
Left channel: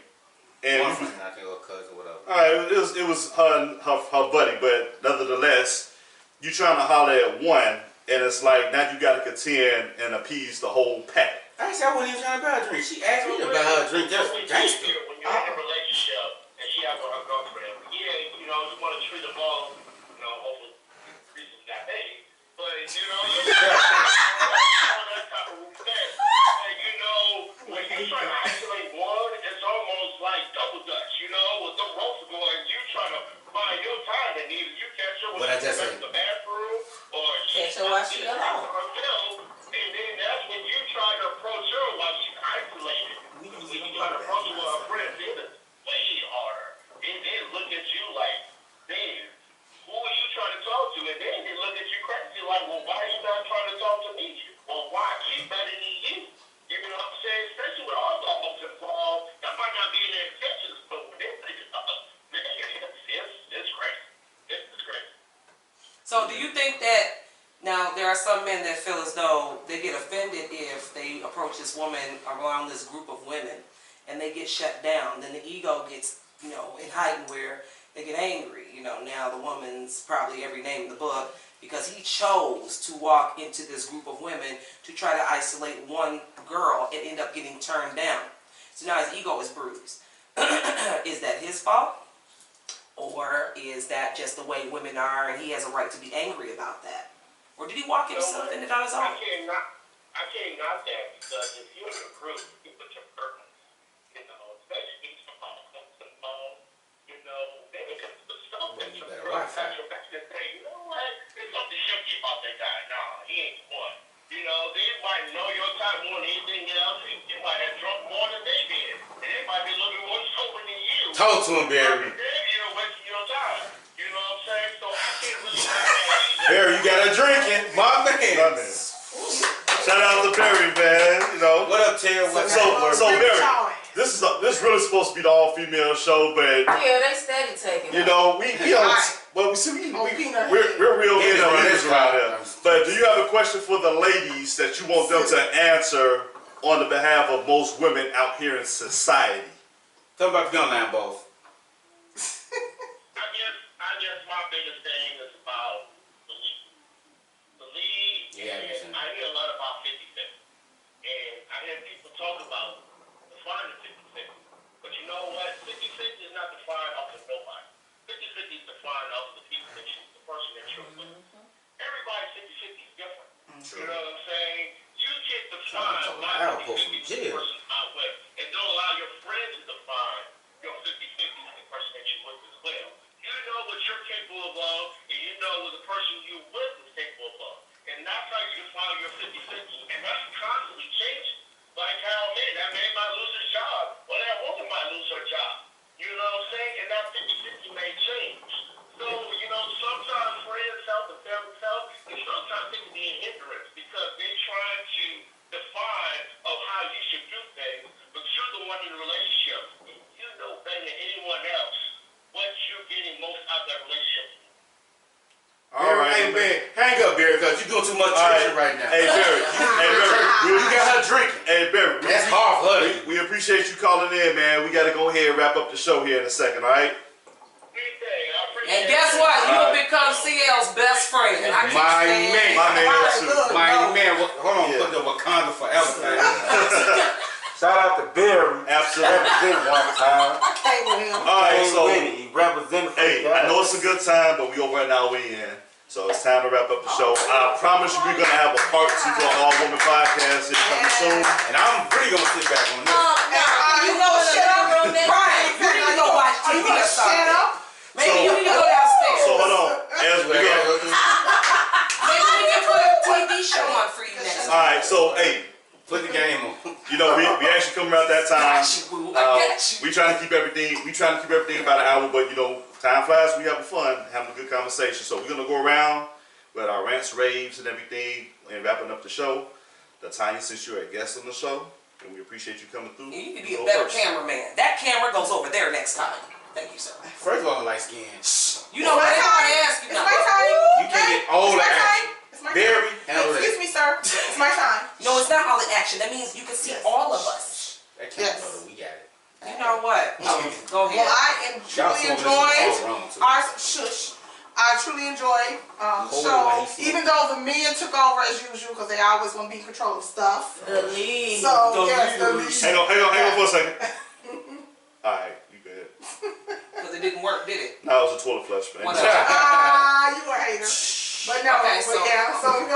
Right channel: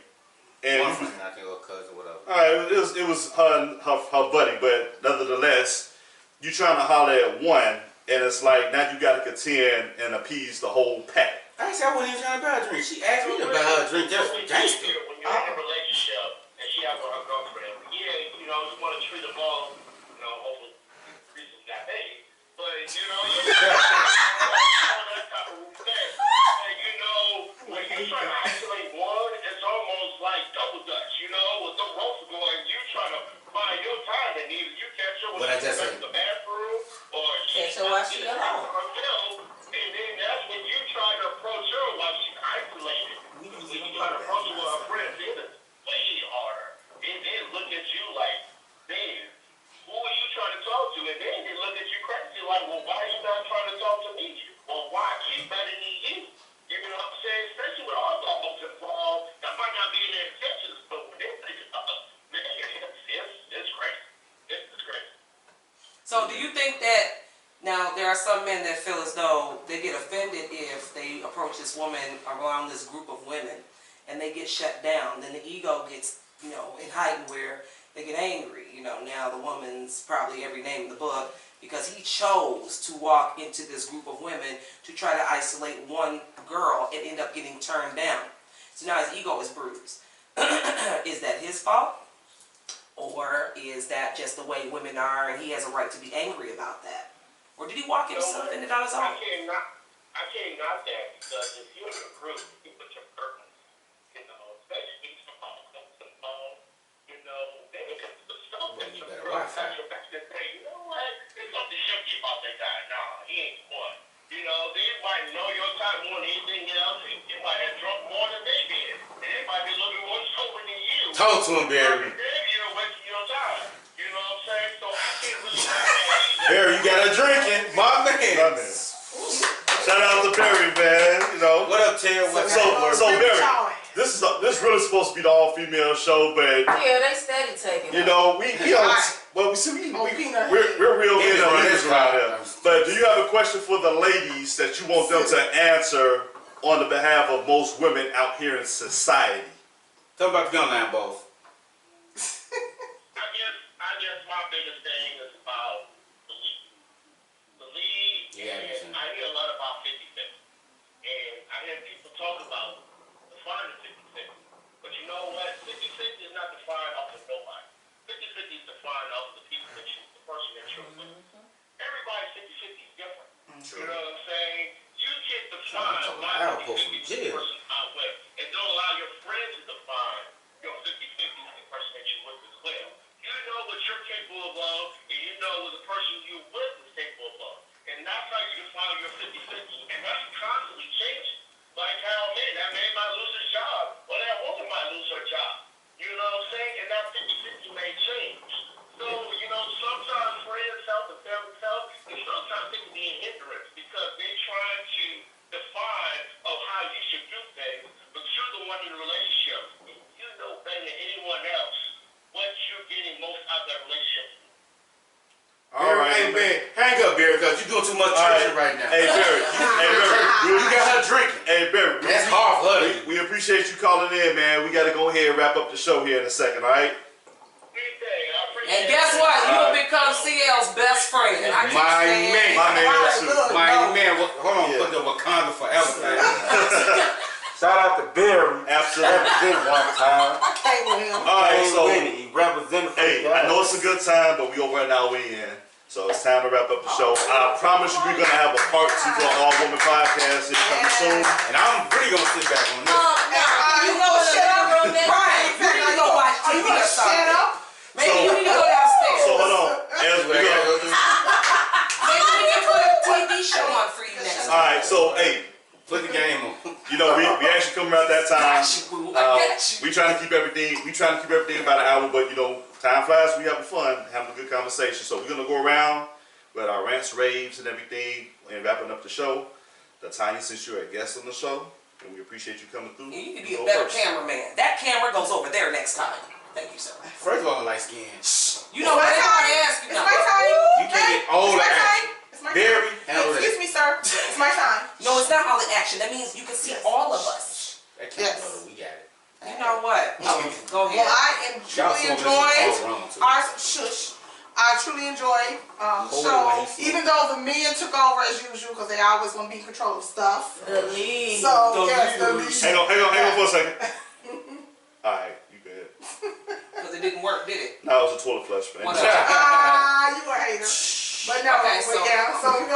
And One friend, I think, or cousin, whatever. all right, it was her buddy, but nevertheless, you trying to holler at one, and it's like now you got to contend and appease the whole pack. Actually, I wasn't even trying to buy a drink. She asked me to buy her a drink just for gangster. When you're in a relationship and she out with her girlfriend, yeah, you know, you want to treat them all, you know, hopefully reasons got paid, but you know, all that type of respect. And you know, when you try to isolate one, it's almost like double dutch, you know, with the ropes going, you try to find your time, and either you catch her when What I she's just in said. the bathroom, or Catch her while she in alone. herself, and then that's when you try to approach her while she's isolated. When you try to approach her with her friends, it's way harder. And then look at you like, man, who are you trying to talk to? And then they look at you crazy like, well, why are you not trying to talk to me? Well, why she's better than you? You know what I'm saying? Especially with all the homes involved, that might not be in their intentions, but when they think man, it's crazy. It's crazy. So do you think that now there are some men that feel as though they get offended if they approach this woman around this group of women and they get shut down, then the ego gets, you know, in heightened where they get angry. You know, now the woman's probably every name in the book because he chose to walk into this group of women to try to isolate one girl and end up getting turned down. So now his ego is bruised. Is that his fault? Or is that just the way women are and he has a right to be angry about that? Or did he walk into something on his own? I can't knock that because if you're in a group, you put your purpose, you know, especially if you know, then you can put stuff Well, in you your better group Wi-Fi. and say, you know what, there's something shaky about that guy. Nah, he ain't the one. You know, they might know your time more than anything else. They might have drunk more than they did. And they might be a little bit more sober than you. Talk to him, Barry. You're wasting your time. You know what I'm saying? So I can't really say Barry, you got a drinking, my man. My man. Shout out to Barry, man. You know. What up, Ted? What's So up? Barry, this really supposed to be the all-female show, but Yeah, they steady taking you it. know we don't. Well, we see we're real He was peanut running eaters his around mouth. here. But do you have a question for the ladies that you want them to answer on the behalf of most women out here in society? Tell me about the gun line, boss. I guess my biggest thing is about the lead. The lead, Yeah, and I hear a lot about 50-50. And I hear people talk about defining 50-50. But you know what? 50-50 is not defined off of nobody. 50-50 is defined off of the people that you, the person that you're with. Everybody's 50-50 is different. True. You know what I'm saying? You can't I'm define talking my about Alpo 50-50 from is the jail. person I'm with. And don't allow your friends to define your 50-50 is the person that you're with as well. You know what you're capable of, and you know what the person you're with is capable of. And that's how you define your 50-50. And that's constantly changing. Like how, man, that man might lose his job, or that woman might lose her job. You know what I'm saying? And that 50-50 may change. So, you know, sometimes friends help and family help, and sometimes it can be a hindrance because they're trying to define of how you should do things. you doing too much All right. churching right now. Hey Barry, You got her drinking. hey Barry, That's hard for her. we appreciate you calling in, man. We got to go ahead and wrap up the show here in a second, all right? And guess what? You will become CL's best friend. I keep My saying. man. My man, Right, too. look. Mighty man, hold on, Yeah. put the Wakanda forever thing. Shout out to Barry. Absolutely. Represented one time. I came with him. All right, Came so with it. He represented for hey, the I guys. know it's a good time, but we over an hour in, so it's time to wrap up the show. I promise you, we're gonna have a part 2 to our All Woman podcast here coming soon. And I'm really gonna sit back on this. You go in the living room next Right. You need to go watch Are you TV or gonna shut something. up? Maybe So- you need to go downstairs. So hold on, as we go. Maybe we can put a TV show on for you next All time. right, so hey, Put the game on. you know we actually come around that time. Got you, boo. I got you. We trying to keep everything. We trying to keep everything about an hour, but you know, time flies. We having fun, having a good conversation. So we're gonna go around with our rants, raves, and everything, and wrapping up the show. Tanya, since you're a guest on the show, and we appreciate you coming through. You could be go a better first. cameraman. That camera goes over there next time. Thank you, sir. First of all, light skin. You know what? It's my Everybody time. ask you It's now. my time. You can't get all It's the my action. time. It's my Barry, time. handle that. Excuse me, sir. It's my time. No, it's not all the action. That means you can see Yes. all of us. That can't Yes. go. We got it. You know what? Go ahead. Well, I Y'all truly saw this all enjoyed wrong, too. our shush. I truly enjoyed the Hold it show, while he's even though the men took over as usual because they always want to be in control of stuff. The lead. So The yes, the lead. lead. Hang on for a second. All right, you go ahead. Because it didn't work, did it? No, it was a toilet flush, man. Whatever. Ah, you a hater. But no, Okay, but so- yeah, so we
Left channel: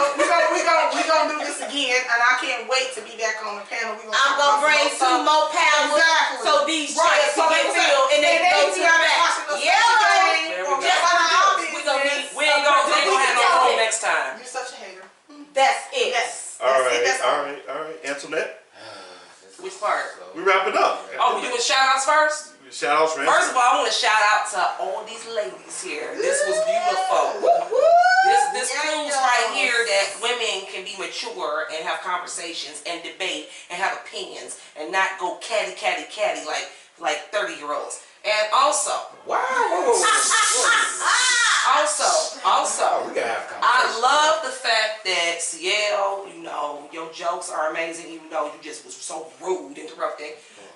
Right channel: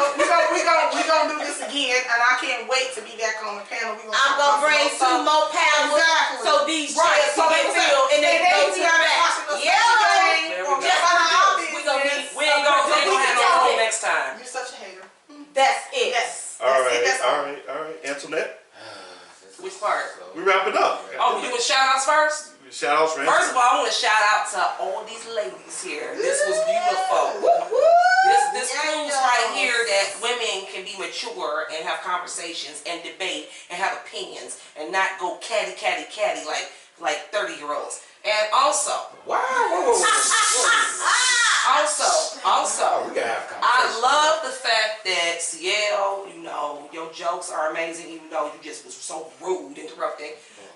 gonna do this again, and I can't wait to be back on the panel. We I'm talk gonna about bring some two more pounds Exactly. so these Right, chairs so can they get can- filled and they they go be to the out back. watching us Yeah, today, There or we go. just Just on our we gonna business. be- We ain't gonna have no room You're next time. such a hater. That's it. Yes. All That's it, right, that's all right. Antoinette, Which part? we wrapping up. Oh, we doing shout outs first? Shout outs, man. First of all, I want to shout out to all these ladies here. This was beautiful. This Yes. proves right here that women can be mature and have conversations and debate and have opinions and not go catty like 30-year-olds. And also, Wow. Whoa. also, We gotta have I conversation. love the fact that CL, you know, your jokes are amazing, even though you just was so rude, interrupting.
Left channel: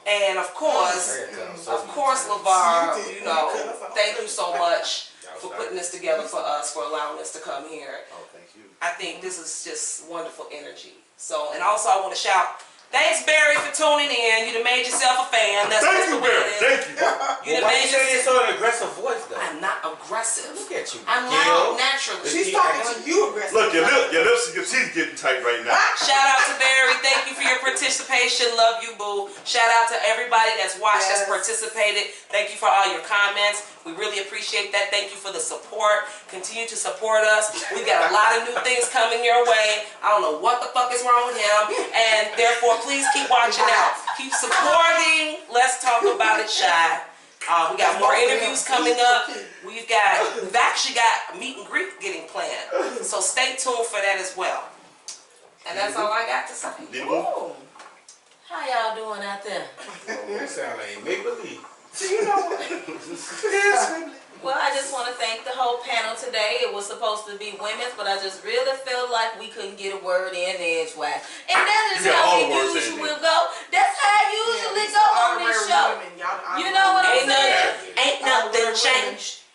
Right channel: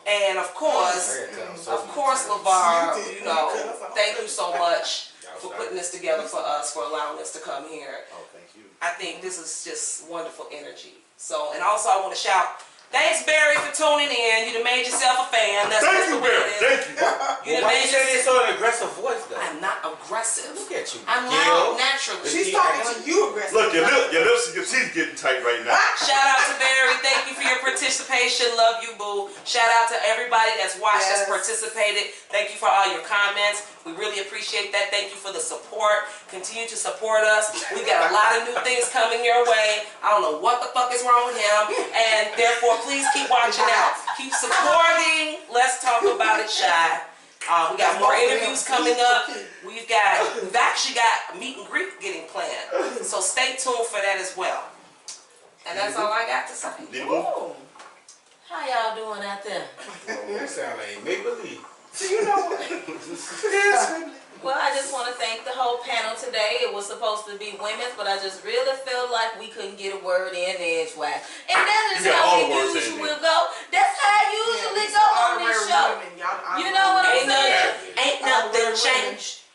And of course, LeVar, you know, thank you so much for putting this together for us, for allowing us to come here. Oh, thank you. I think this is just wonderful energy. So, and also I want to shout, thanks Barry for tuning in. You done made yourself a fan. That's Thank what's you, the way Barry. it is. Thank you. You done Why made you say yourself. this so an aggressive voice though? I'm not aggressive. Look at you. I'm Gil. loud naturally. She's talking to you aggressively. Look, your lips and your teeth getting tight right now. Shout out to Barry. Thank you for your participation. Love you, boo. Shout out to everybody that's watched, Yes. that's participated. Thank you for all your comments. We really appreciate that. Thank you for the support. Continue to support us. We got a lot of new things coming your way. I don't know what the fuck is wrong with him. And therefore, please keep watching out. Keep supporting. Let's talk about it, Shy. We got more interviews coming up. We've actually got a meet and greet getting planned. So stay tuned for that as well. And that's all I got to say. Ooh. How y'all doing out there? That sound like make believe. Well, I just want to thank the whole panel today. It was supposed to be women's, but I just really felt like we couldn't get a word in edgewise. And that's You just got how all it the words in usually there. go. That's how it usually go on this show. You know what I'm Ain't saying? nothing changed.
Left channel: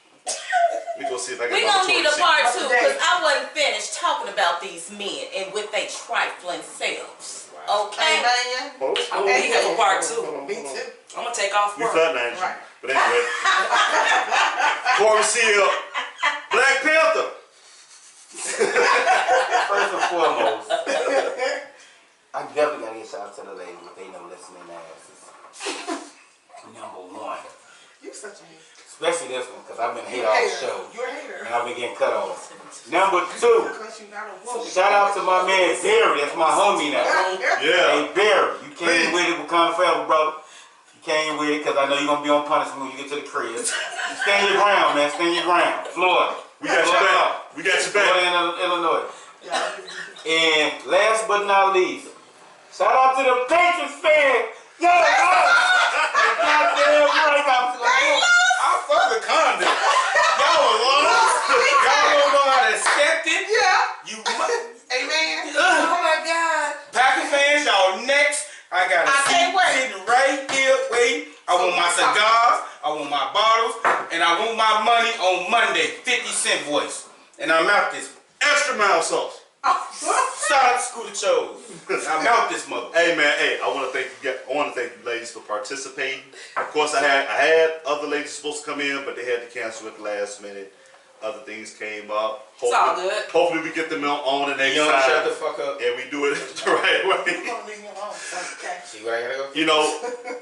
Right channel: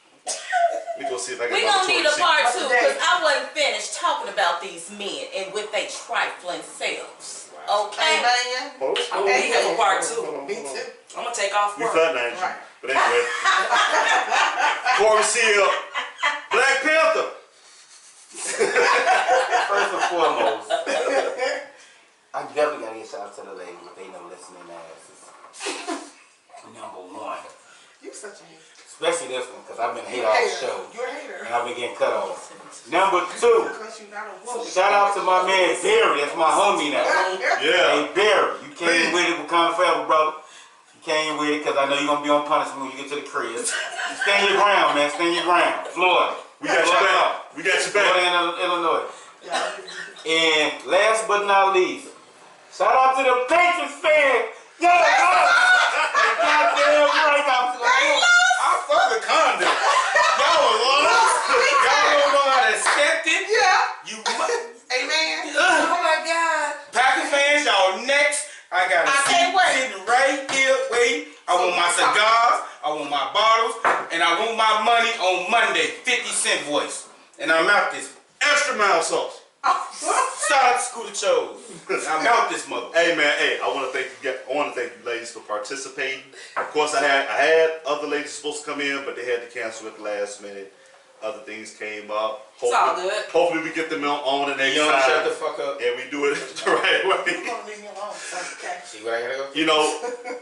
We gonna see if I can. We gonna need a part two Today. because I wasn't finished talking about these men and with their trifling selves. Okay? Amen. I'm gonna be here for part two. Me too. I'm gonna take off We work. flat Angel. Right. But anyway. Corey Seal, Black Panther. First and foremost, I definitely gotta give shout out to the ladies if they know listening asses. Number one. You such a hater. Especially this one, because I've been hating all the show. You're a hater. And I've been getting cut off. Number two, Because you're not a woman. shout out to my man Barry. That's my homie now. Yeah. Hey Barry, you came Please. with it with Wakanda Forever, brother. You came with it because I know you're going to be on punishment when you get to the crib. Stand your ground, man. Stand your ground. Florida. We got your back. We got your Florida back. and Illinois. And last but not least, shout out to the Patriots fans. Yo, goddamn right. I'm for the condom. Y'all lost. Y'all don't know how to accept it. Yeah. Amen. Oh my God. Packers fans, y'all next. I got a I seat can't wait. sitting right here waiting. I want my cigars, I want my bottles, and I want my money on Monday. 50-cent voice. And I'm out this. Extra mild sauce. Shout out to Scooter Chose. I'm out this mother. Hey man, hey, I want to thank you ladies for participating. Of course, I had other ladies supposed to come in, but they had to cancel at the last minute. Other things came up. It's all good. Hopefully we get them on the next You don't shut time. the fuck up. And we do it the right way. See where I gotta go? You know,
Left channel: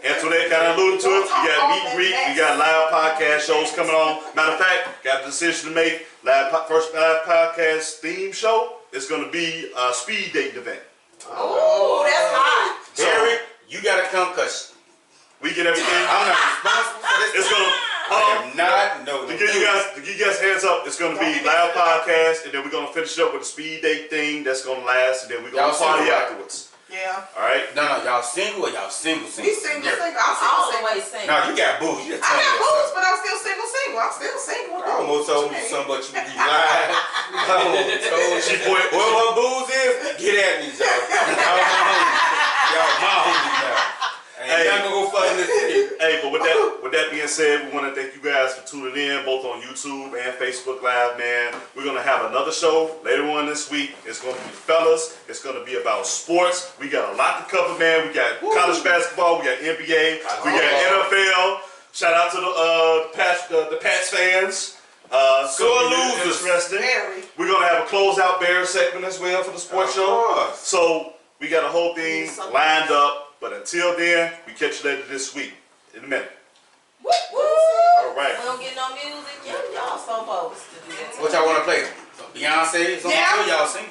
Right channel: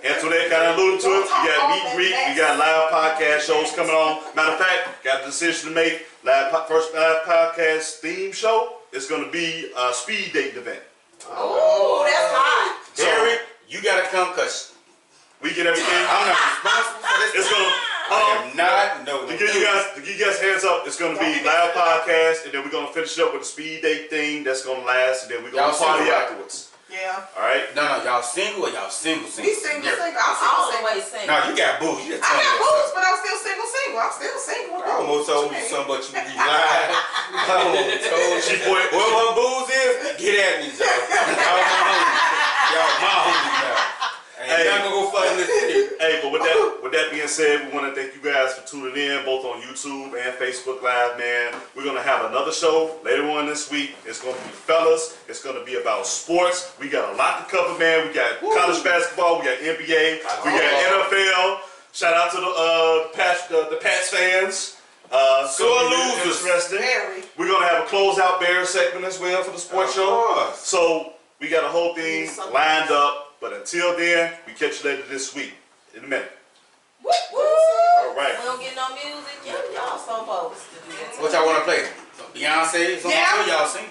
Antoinette kind of alluded to it. We got meet and greet. We got live podcast shows coming on. Matter of fact, got a decision to make. First live podcast theme show is going to be a speed dating event. Oh, that's hot. Jerry, you gotta come because We get everything. I'm not responsible for this. It's gonna. I am not. No. To give you guys heads up, it's gonna be live podcast, and then we're gonna finish it up with a speed date thing that's gonna last, and then we're gonna Y'all party single, right? afterwards. Yeah. All right. No, y'all single or y'all single? We single. Yeah. I'm All the single. way single. No, you got boo. You just I told me got that boobs, stuff. but I'm still single. I'm still single. I almost told you something, but you lied. I almost told you. She point. What my booze is? Get at me, y'all. Y'all my homies. Y'all my homies now. Ain't Hey. nothing gonna go fuck in this video. Hey, but with that being said, we want to thank you guys for tuning in, both on YouTube and Facebook Live, man. We're gonna have another show later on this week. It's gonna be fellas. It's gonna be about sports. We got a lot to cover, man. We got college basketball. We got NBA. We got NFL. Shout out to the Pats fans. Sore losers. Interesting. Very. We're gonna have a closeout Bears segment as well for the sports Of show. course. So we got a whole thing lined up. But until then, we catch you later this week. In a minute. Woo, woo. All right. We don't get no music. Y'all supposed to do that. What y'all wanna play? Beyonce? Something Yeah. y'all sing?